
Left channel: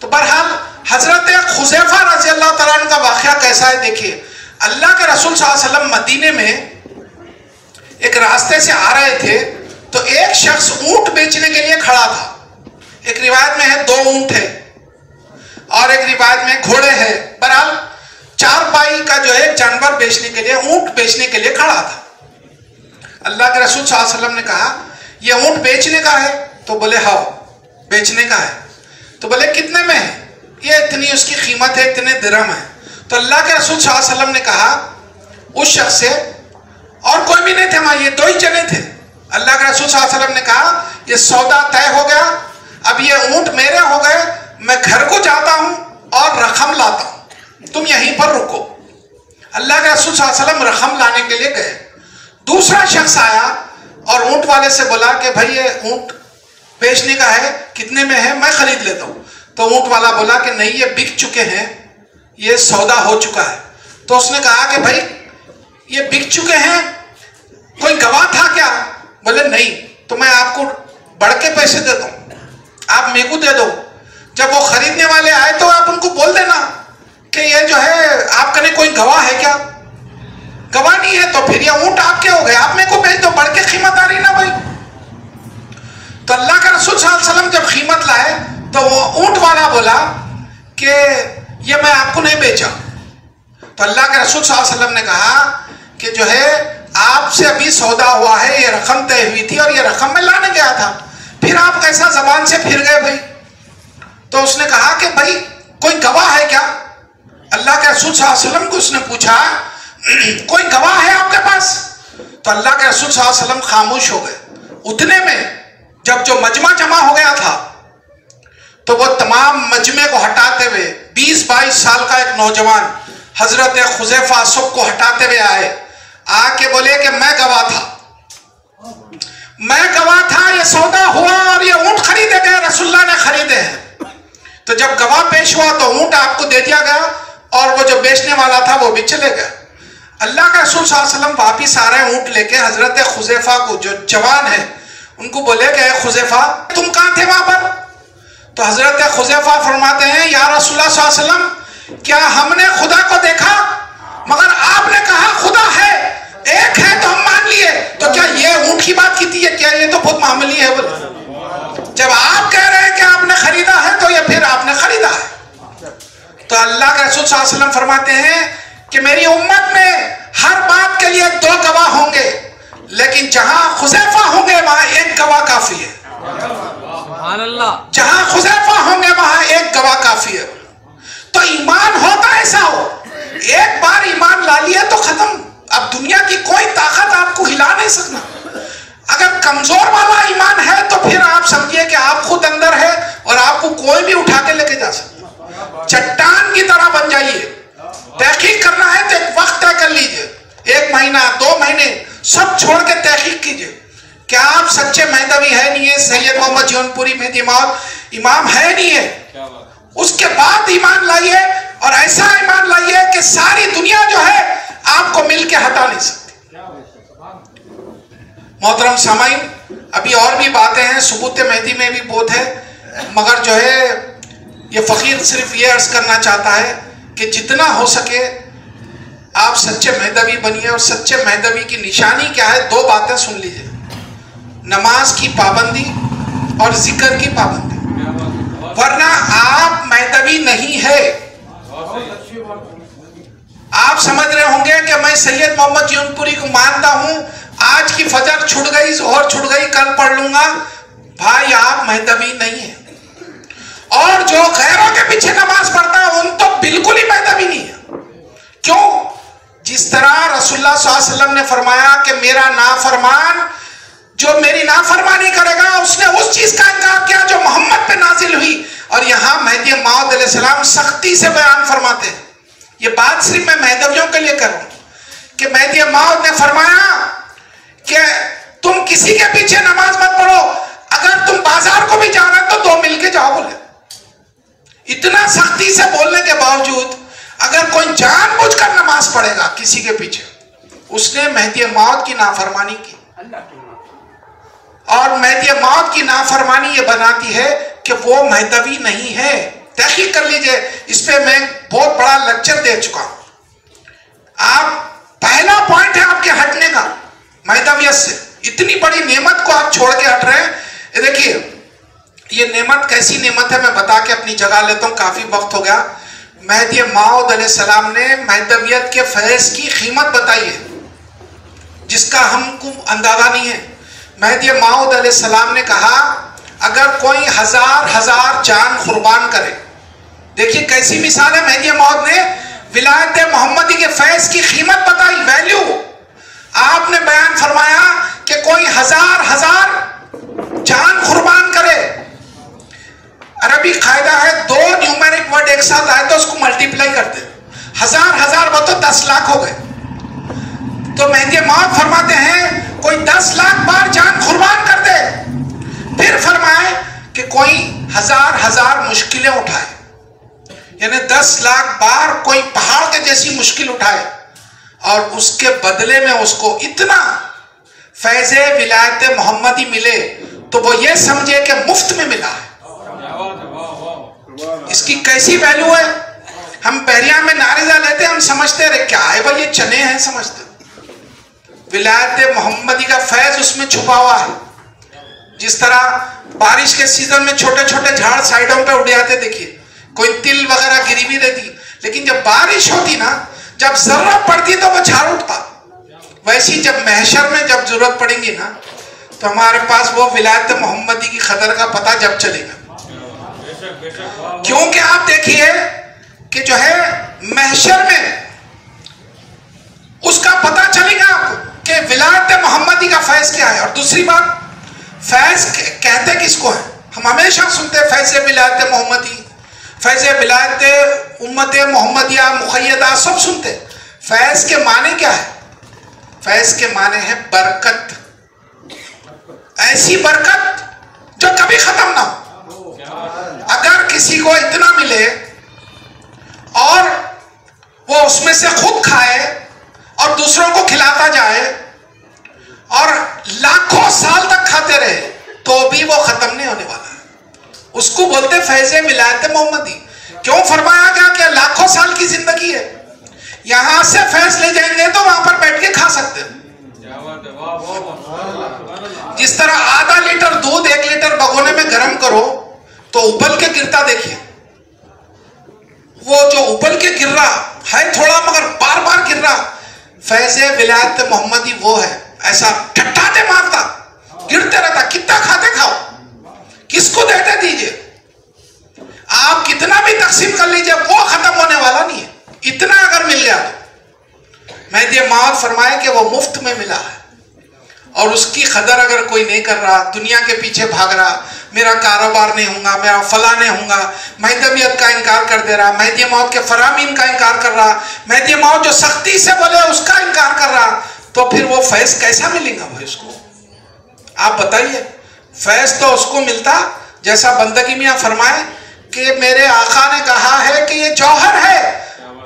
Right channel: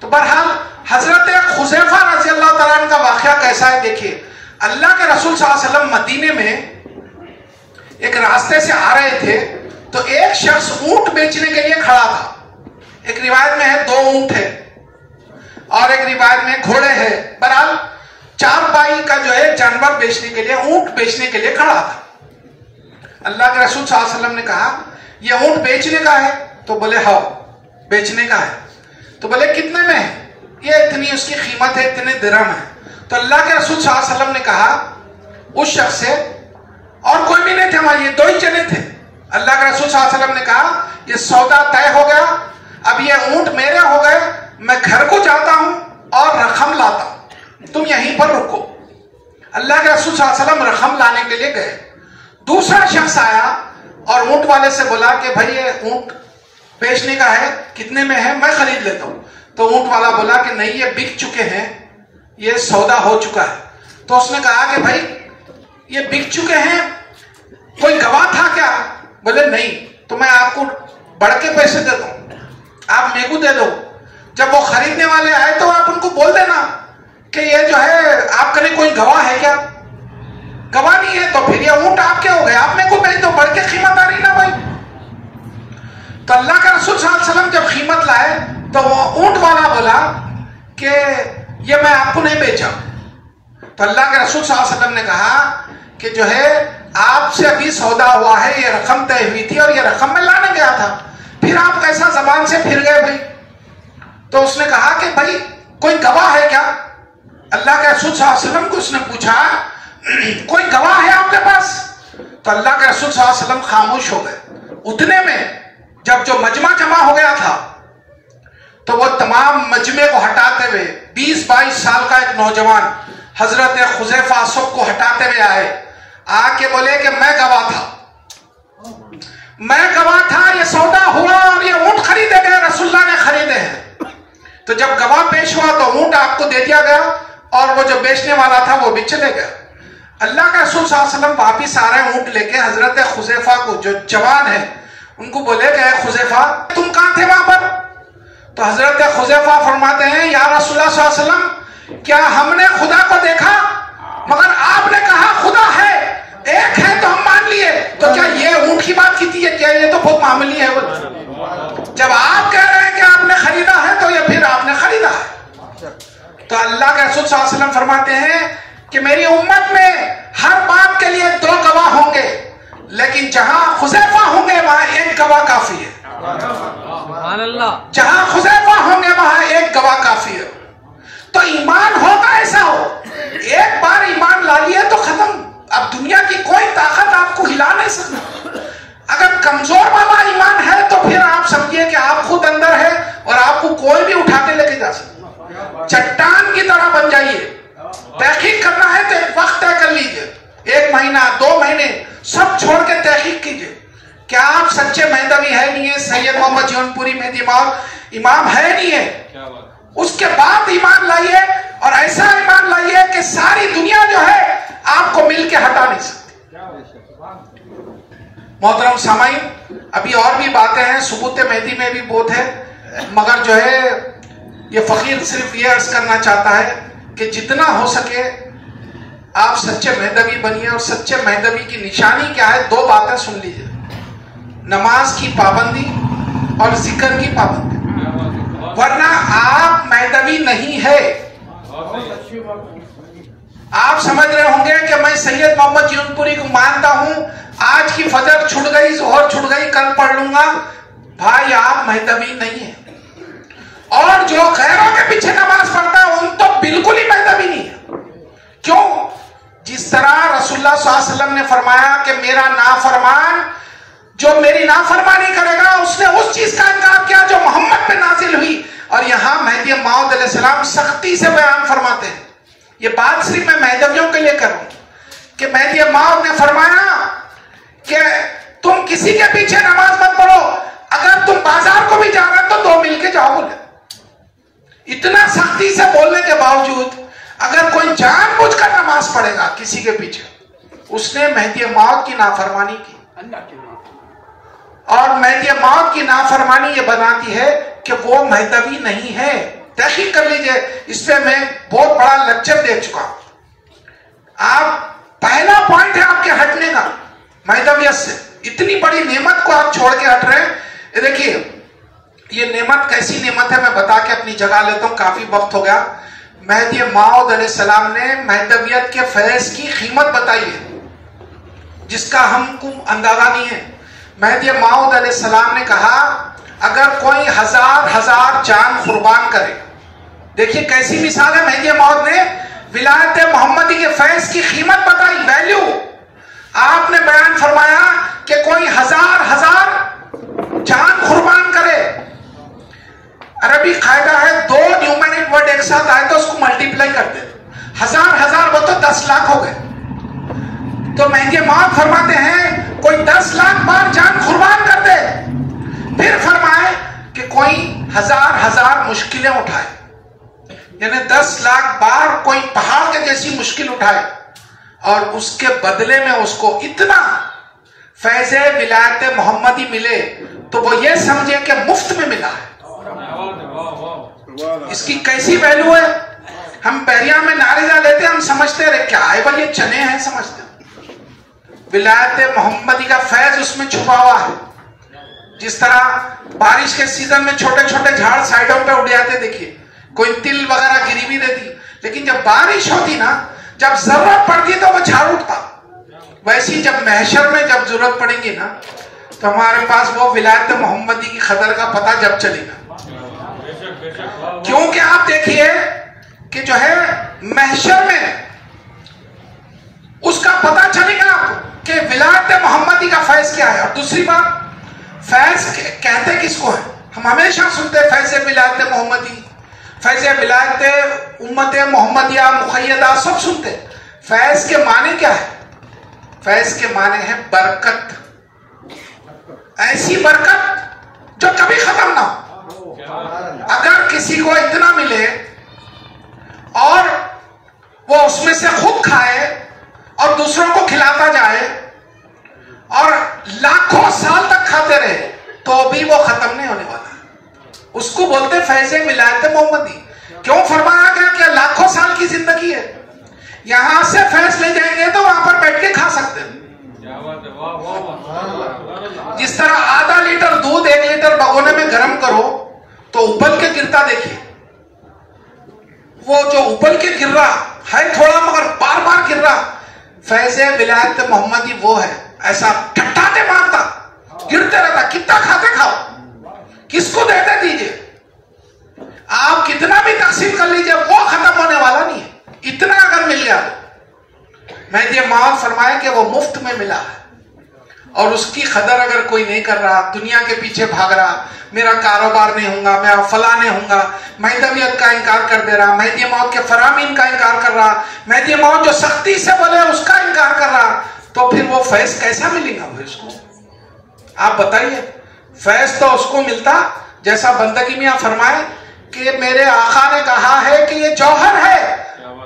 تو بہرحال حضرت حذیفہ رضی اللہ تعالیٰ عنہ کا واقعہ کیسا ہے دیکھیے. اللہ کے رسول صلی اللہ علیہ وسلم مدینے میں ایک راستے سے آ رہے تھے, تو ایک شخص اونٹ بیچنے کے لیے کھڑا تھا. ایک روایت میں ہے 2 اونٹ ہے, اور ایک روایت میں گھوڑے ہے. بہرحال 4 پائی کا جو ہے جانور بیچنے کے لیے, اونٹ بیچنے کے لیے کھڑا تھا. اللہ کے رسول صلی اللہ علیہ وسلم نے کہا یہ اونٹ بیچنے کا ہے؟ تو بولے ہاں بیچنے کا ہے. تو بولے کتنے میں ہے؟ یہ اتنی اس کی قیمت ہے, اتنے درہم ہے. تو اللہ کے رسول صلی اللہ علیہ وسلم نے کہا اس شخص سے, اور کوئی بھی نہیں تھے وہاں, یہ 2 ہی جنے تھے. اللہ کے رسول صلی اللہ علیہ وسلم نے کہا یہ سودا طے ہو گیا, اب یہ اونٹ میرے ہو گئے, میں گھر کو جاتا ہوں اور رقم لاتا ہوں, تم یہیں پر رکو. اللہ کے رسول صلی اللہ علیہ وسلم رقم لانے کے لیے گئے. دوسرا شخص آیا اور اونٹ والے سے بولا کہ بھائی یہ اونٹ بیچنے کا ہے, کتنے میں ہے, میں خرید لیتا ہوں. تو اونٹ والا بولا کہ نہیں یہ بک چکے ہیں, یہ سودا ہو چکا ہے. تو اس نے کہا کہ بھائی یہ بک چکے ہیں, کوئی گواہ تھا کیا؟ بولے نہیں. تو میں آپ کو بڑھ کے پیسے دیتا ہوں, آپ میرے کو دے دو. جب وہ خریدنے والے آئے تو آپ ان کو بول دینا کہ یہ جو ہے آپ کے لیے کوئی گواہ ہے کیا؟ گواہ نہیں ہے تو پھر یہ اونٹ آپ کے ہو گئے, آپ میرے کو بھیج دو, بڑھ کے قیمت آ رہی نا بھائی. تو اللہ کا رسول صلی اللہ علیہ وسلم جب قیمت لائے تو وہ اونٹ والا بولا کہ یہ میں آپ کو نہیں بیچا. تو اللہ کے رسول صلی اللہ علیہ وسلم نے کہا کہ جو ہے آپ سے ابھی سودا ہوا ہے, یہ رقم طے ہوئی تھی اور یہ رقم میں لانے گیا تھا, پھر آپ کیسا زبان سے پھر گئے بھائی؟ تو اس نے کہا کہ بھائی کوئی گواہ ہے کیا؟ اللہ کے رسول صلی اللہ علیہ وسلم کو اس نے پوچھا کوئی گواہ ہے آپ کے پاس؟ تو اللہ کے رسول صلی اللہ علیہ وسلم خاموش ہو گئے. اتنے میں جب جو مجمع جمع ہو گیا تھا تو وہ تمام مجمع کو ہٹاتے ہوئے 20-22 سال کا ایک نوجوان حضرت حذیفہ سب کو ہٹاتے ہوئے آئے, آ کے بولے کہ میں گواہ تھا, میں گواہ تھا, یہ سودا ہوا اور یہ اونٹ خریدے گئے, رسول اللہ نے خریدے ہیں. تو جب گواہ پیش ہوا تو اونٹ آپ کو دے دیا گیا اور وہ جو بیچنے والا تھا وہ بھی چلے گیا. اللہ کا رسول صلی اللہ علیہ وسلم واپس آ رہے اونٹ لے کے حضرت حذیفہ کو جو جوان ہے ان کو بولے کہ اے حذیفہ تم کہاں تھے وہاں پر؟ تو حضرت حذیفہ فرماتے ہیں یا رسول اللہ صلی اللہ علیہ وسلم کیا ہم نے خدا کو تو کیا یہ اونٹ کی بات کی تھی؟ کیا یہ تو بہت معمولی ہے؟ بولے جب آپ کہہ رہے ہیں کہ آپ نے خریدا ہے تو یہ پھر آپ نے خریدا ہے. تو اللہ کے رسول صلی اللہ علیہ وسلم فرماتے ہیں کہ میری امت میں ہر بات کے لیے 2 گواہ ہوں گے، لیکن جہاں حذیفہ ہوں گے وہاں 1 گواہ کافی ہے. سبحان اللہ. جہاں حذیفہ ہوں گے وہاں 1 گواہ کافی ہے. تو ایمان ہوتا ایسا ہو، ایک بار ایمان لا لیا تو ختم. اب دنیا کی کوئی طاقت آپ کو ہلا نہیں سکتا. اگر کمزور والا ایمان ہے تو پھر آپ سمجھیے کہ آپ خود اندر ہے اور آپ کو کوئی بھی اٹھا کے لے کے جا سکتا. چٹان کی طرح بن جائیے. تحقیق کرنا ہے تو ایک وقت طے کر لیجئے، 1 مہینہ 2 مہینے سب چھوڑ کے تحقیق کیجئے. کیا آپ سچے مہدوی ہے نہیں ہے؟ سید محمد جون پوری مہدی امام ہے نہیں ہے؟ اس کے بعد ایمان لائیے، اور ایسا ایمان لائیے کہ ساری دنیا جو ہے آپ کو مل کے ہٹا نہیں سکتی. محترم سامعین، ابھی اور بھی باتیں ہیں، ثبوت مہدی میں بھی بہت ہے، مگر جو ہے یہ فقیر صرف یہ عرض کرنا چاہتا ہے کہ جتنا ہو سکے آپ سچے مہدوی بنیے. اور سچے مہدوی کی نشانی کیا ہے؟ 2 باتیں سن لیجئے: نماز کی پابندی اور ذکر کی پابندی. ورنہ آپ مہدوی نہیں ہے. آپ سمجھ رہے ہوں گے کہ میں سید محمد جون پوری کو مانتا ہوں، آج کی فجر چھٹ گئی، ظہر چھٹ گئی، کل پڑھ لوں گا. بھائی آپ مہدوی نہیں ہیں. اور جو غیروں کے پیچھے نماز پڑھتا ہے ان تو بالکل ہی مہدوی نہیں ہے. کیوں؟ جس طرح رسول اللہ صلی اللہ علیہ وسلم نے فرمایا کہ میرا نافرمان جو میری نافرمانی کرے گا اس نے اس چیز کا انکار کیا جو محمد پہ نازل ہوئی. اور یہاں مہدی موعود علیہ السلام سختی سے بیان فرماتے ہیں. یہ بات صرف میں مہدویوں کے لیے کر رہا ہوں کہ مہدی موعود نے فرمایا کہ تم کسی کے پیچھے نماز مت پڑھو، اگر تم بازار کو بھی جا رہے تو 2 مل کے جاؤ. بولے اتنا سختی سے بولنے کے باوجود اگر کوئی جان بوجھ کر نماز پڑھے گا کسی کے پیچھے، اس نے مہدی موعود کی نافرمانی کی. اور مہدی موعود کی نافرمانی یہ بناتی ہے کہ وہ مہدوی نہیں ہے. تحقیق کر لیجئے، اس پہ میں بہت بڑا لیکچر دے چکا ہوں. آپ پہلا پوائنٹ ہے آپ کے ہٹنے کا مہدویت سے. اتنی بڑی نعمت کو آپ چھوڑ کے ہٹ رہے ہیں. دیکھیے یہ نعمت کیسی نعمت ہے میں بتا کے اپنی جگہ لیتا ہوں، کافی وقت ہو گیا. مہدی موعود علیہ السلام نے مہدویت کے فیض کی قیمت بتائی ہے جس کا ہم کو اندازہ نہیں ہے. مہدی موعود علیہ السلام نے کہا اگر کوئی 1000 جان قربان کرے. دیکھیے کیسی مثال ہے. مہدی موعود نے ولایت محمدی کے فیض کی قیمت بتائی، ویلیو. آپ نے بیان فرمایا کہ کوئی 1000 جان قربان کرے. عربی قاعدہ ہے 2 نیومیرک ورڈ ایک ساتھ آئے تو اس کو ملٹیپلائی کرتے. 1000 وہ تو 10 لاکھ ہو گئے. تو مہدی موعود فرماتے ہیں کوئی 10 لاکھ بار جان قربان کر دے. پھر فرمائے کہ کوئی 1000 مشکلیں اٹھائے، یعنی 10 لاکھ بار کوئی پہاڑ کے جیسی مشکل اٹھائے، اور اس کے بدلے میں اس کو اتنا فیض ولایت محمدی ملے تو وہ یہ سمجھے کہ مفت میں ملا ہے. اس کی کیسی ویلیو ہے. ہم بحریہ میں نعرہ لیتے ہم سمجھتے رہے کیا ہے بھائی یہ چنے ہیں، سمجھتے ولایت محمدی کا فیض اس میں چھپا ہوا ہے. جس طرح بارش کے سیزن میں چھوٹے چھوٹے جھاڑ سائیڈوں پہ اڑ جاتے، دیکھیے کوئی تل وغیرہ گری بھی دیتی، لیکن جب بارش ہوتی نا، جب ضرورت پڑتی تو وہ جھاڑ اٹھتا. ویسی جب محشر میں جب ضرورت پڑیں گی نا تو ہمارے پاس وہ ولایت محمدی کی قدر کا پتہ جب چلے گا. کیونکہ آپ دیکھیے کہ جو ہے محشر میں اس کا پتہ چلے گا آپ کو کہ ولایت محمدی کا فیض کیا ہے. اور دوسری بات، فیض کہتے کس کو ہے؟ ہم ہمیشہ سنتے ہیں فیض ولایت محمدی، فیض ولایت امت محمدیہ مقیدہ، سب سنتے. فیض کے معنی کیا ہے؟ فیض کے معنی ہے برکت. ایسی برکت جو کبھی ختم نہ ہو. اگر کسی کو اتنا ملے اور وہ اس میں سے خود کھائے اور دوسروں کو کھلاتا جائے اور لاکھوں سال تک کھاتے رہے تو بھی وہ ختم نہیں ہونے والا ہے. اس کو بولتے فیض ولایت محمدی. کیوں فرمایا گیا کہ لاکھوں سال کی زندگی ہے. یہاں سے فیض لے جائیں گے تو وہاں پر بیٹھ کے کھا سکتے ہیں. جس طرح آدھا لیٹر دودھ 1 لیٹر بگونے میں گرم کرو تو ابل کے گرتا دیکھیے، وہ جو ابل کے گر رہا ہے تھوڑا مگر بار بار گر رہا، فیض ولایت محمدی وہ ہے، ایسا ٹھٹھاتے مارتا گرتے رہتا، کتنا کھاتے کھاؤ، کس کو دیتے دیجئے، آپ کتنا بھی تقسیم کر لیجئے وہ ختم ہونے والا نہیں ہے، اتنا اگر مل گیا تو مہدی موعود فرمائے کہ وہ مفت میں ملا ہے، اور اس کی قدر اگر کوئی نہیں کر رہا، دنیا کے پیچھے بھاگ رہا، میرا کاروبار نہیں ہوں گا، میرا فلاں نہیں ہوں گا، مہدویت کا انکار کر دے رہا، مہدی موعود کے فرامین کا انکار کر رہا، مہدی موعود جو سختی سے بولے اس کا انکار کر رہا، تو پھر وہ فیض کیسا ملے گا وہ اس کو؟ آپ بتائیے، فیض تو اس کو ملتا جیسا بندگی میاں فرمائے کہ میرے آقا نے کہا ہے کہ یہ جوہر ہے،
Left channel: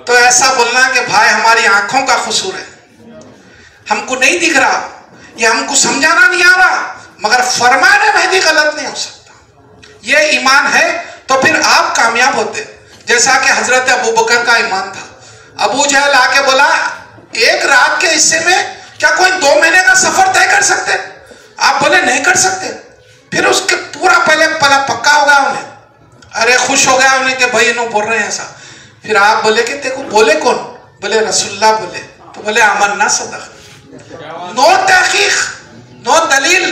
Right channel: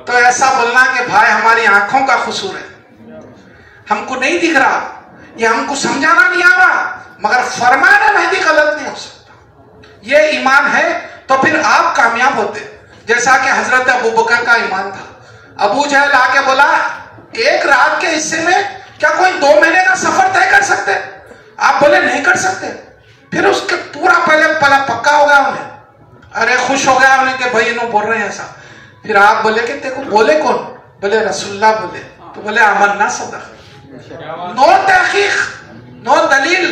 تو ایسا بولنا کہ بھائی ہماری آنکھوں کا قصور ہے، ہم کو نہیں دکھ رہا، یہ ہم کو سمجھانا نہیں آ رہا، مگر فرمانے مہدی غلط نہیں ہو سکتا، یہ ایمان ہے تو پھر آپ کامیاب ہوتے، جیسا کہ حضرت ابوبکر کا ایمان تھا، ابو جہل آ کے بولا 1 رات کے حصے میں کیا کوئی 2 مہینے کا سفر طے کر سکتے؟ آپ بولے نہیں کر سکتے، پھر اس کے پورا پہلے پکا ہو گیا انہیں، ارے خوش ہو گیا انہیں کہ بھائی انہوں بول رہے ہیں ایسا، پھر آپ بولے کہ دیکھو بولے کون؟ بولے رسول اللہ بولے، تو بولے آمنا صدق، نو تحقیق نو دلیل،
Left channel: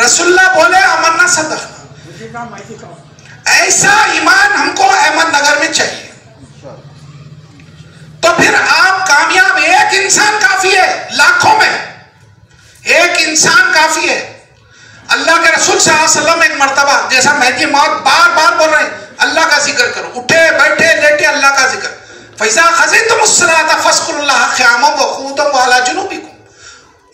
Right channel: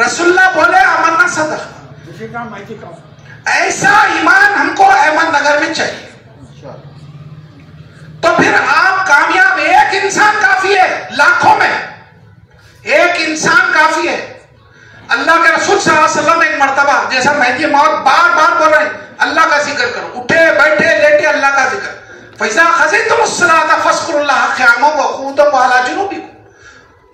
رسول اللہ بولے آمنا صدق، ایسا ایمان ہم کو احمد نگر میں چاہیے، تو پھر آپ کامیاب، ایک انسان کافی ہے لاکھوں میں، ایک انسان کافی ہے، اللہ کے رسول صلی اللہ علیہ وسلم ایک مرتبہ جیسا مہدی موعود بار بار بول رہے ہیں اللہ کا ذکر کرو، اٹھے بیٹھے لیٹے اللہ کا ذکر، فَإِذَا خَزِيتُمُ الصَّلَاةَ فَاذْكُرُوا اللَّهَ قِيَامًا وَقُعُودًا وَعَلَى جُنُوبِكُمْ،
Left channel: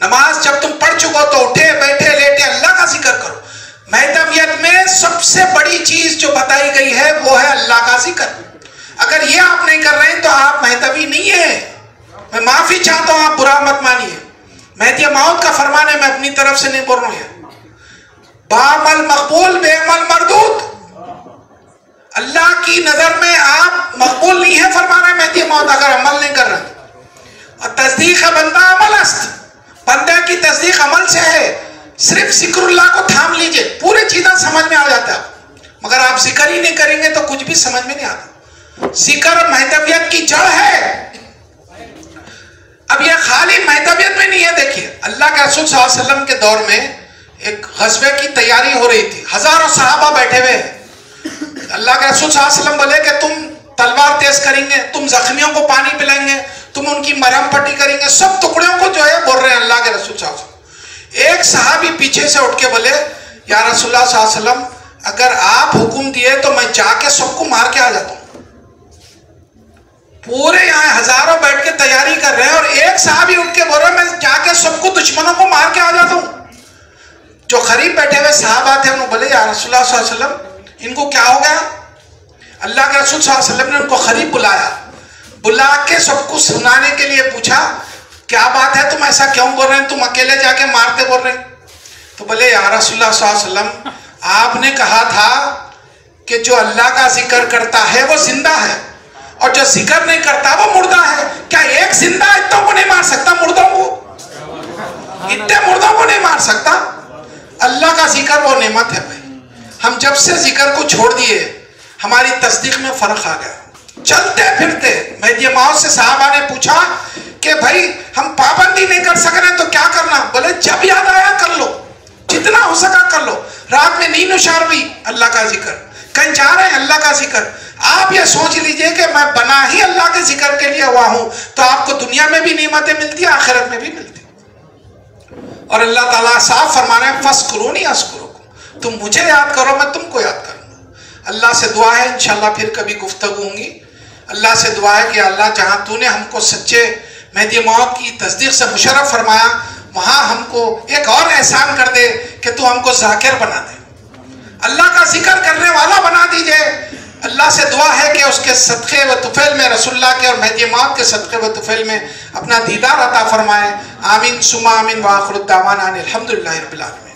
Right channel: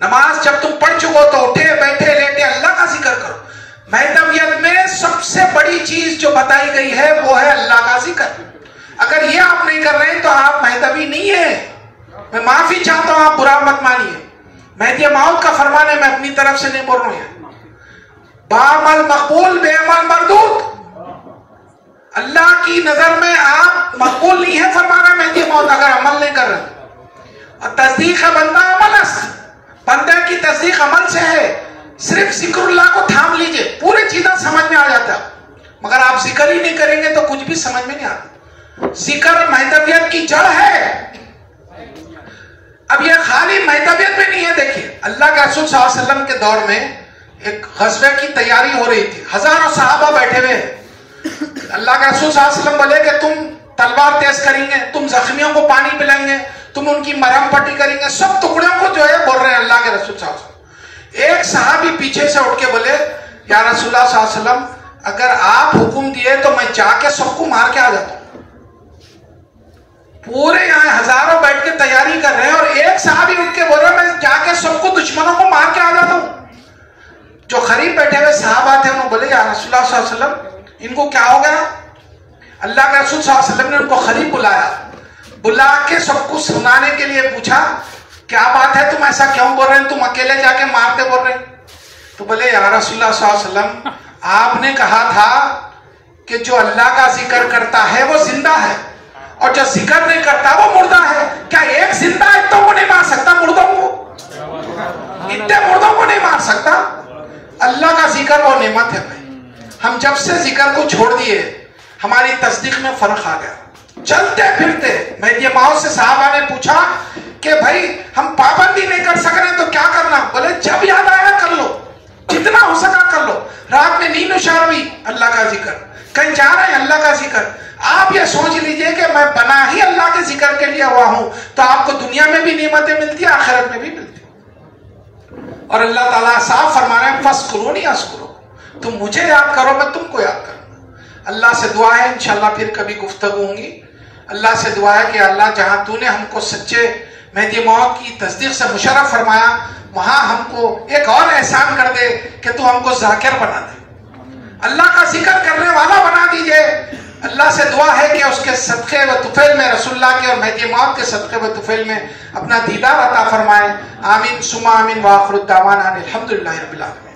نماز جب تم پڑھ چکو تو اٹھے بیٹھے لیٹے اللہ کا ذکر کرو، مہدویت میں سب سے بڑی چیز جو بتائی گئی ہے وہ ہے اللہ کا ذکر، اگر یہ آپ نہیں کر رہے ہیں تو آپ مہدوی نہیں ہیں، میں معافی چاہتا ہوں، آپ برا مت مانیے، مہدی موعود کا فرمانے میں اپنی طرف سے نہیں بول رہا ہوں، بعمل مقبول بے عمل مردود، اللہ کی نظر میں آپ مقبول نہیں ہے فرمانا مہدی موعود اگر عمل نہیں کر رہے، اور تصدیق بندہ عمل است، بندے کی تصدیق عمل سے ہے، صرف ذکر اللہ کو تھام لیجئے پوری چیزیں سمجھ میں آ جاتا ہے، مگر آپ ذکر ہی نہیں کریں گے تو کچھ بھی سمجھ میں نہیں آتا، ذکر مہدویت کی جڑ ہے، اب یہ خالی مہدویت میں نہیں ہے، دیکھیے اللہ کے رسول صلی اللہ علیہ وسلم کے دور میں ایک غزوے کی تیاری ہو رہی تھی، ہزاروں صحابہ بیٹھے ہوئے ہیں، اللہ کے رسول صلی اللہ علیہ وسلم بولے کہ تم تلوار تیز کریں گے، تم زخمیوں کو پانی پلائیں گے، تم ان کی مرہم پٹی کریں گے، سب ٹکڑوں کو جو ہے بول رہے ہیں اللہ کے رسول صلی اللہ علیہ وسلم، ایک صحابی پیچھے سے اٹھ کے بولے یا رسول اللہ صلی اللہ علیہ وسلم اگر آپ حکم دیے تو میں جا کے سب کو مار کے آ جاتا ہوں، پورے یہاں ہزاروں بیٹھ کے تیاری کر رہے ہیں اور ایک صحابی اٹھ کے بول رہا میں جا کے سب کو دشمنوں کو مار کے آ جاتا ہوں، جو قریب بیٹھے ہوئے صحابہ تھے انہوں بولے یا رسول اللہ صلی اللہ علیہ وسلم ان کو کیا ہو گیا؟ اللہ کے رسول صلی اللہ علیہ وسلم نے ان کو قریب بلایا، بلا کے سب کو سنانے کے لیے پوچھا کیا بات ہے تم ایسا کیوں بول رہے ہیں، تم اکیلے جا کے مارتے بول رہے ہیں؟ تو بولے یا رسول اللہ صلی اللہ علیہ وسلم آپ نے کہا تھا کہ جو اللہ کا ذکر کرتا ہے وہ زندہ ہے اور جو ذکر نہیں کرتا وہ مردہ ہے، کیا ایک زندہ اتنوں کو نہیں مار سکتا، مردوں کو اتنے مردوں کو نہیں مار سکتا؟ اللہ کا ذکر وہ نعمت ہے بھائی، ہم جب سے ذکر کو چھوڑ دیے ہماری تصدیق میں فرق آ گیا، چلتے پھرتے مہدی موعود سے صحابہ نے پوچھا کہ بھائی ہم پابندی نہیں کر سک رہے تو کیا کرنا؟ بولے جب یاد آیا کر لو، جتنا ہو سکا کر لو، رات میں نیند نشار بھی اللہ کا ذکر، کہیں جا رہے ہیں اللہ کا ذکر، آپ یہ سوچ لیجئے کہ میں بنا ہی اللہ کے ذکر کے لیے ہوا ہوں تو آپ کو دنیا میں بھی نعمتیں ملتی ہیں آخرت میں بھی ملتی، اور اللہ تعالیٰ صاف فرما رہے ہیں فَاسْكُرُونِي أَذْكُرُكُمْ، تم مجھے یاد کرو میں تم کو یاد کروں گا، اللہ سے دعا ہے انشاءاللہ پھر کبھی گفتگو ہوں گی، اللہ سے دعا ہے کہ اللہ جہاں تو نے ہم کو سچے مہدی موعود کی تصدیق سے مشرف فرمایا وہاں ہم کو ایک اور احسان کر دے کہ تو ہم کو ذاکر بنا دے، اللہ کا ذکر کرنے والا بنا دیجئے، اللہ سے دعا ہے کہ اس کے صدقے و طفیل میں رسول اللہ کے اور مہدی موعود کے صدقے و طفیل میں اپنا دیدار عطا فرمائے، آمین ثم آمین، وآخر الدعوانا الحمدللہ رب العالمین۔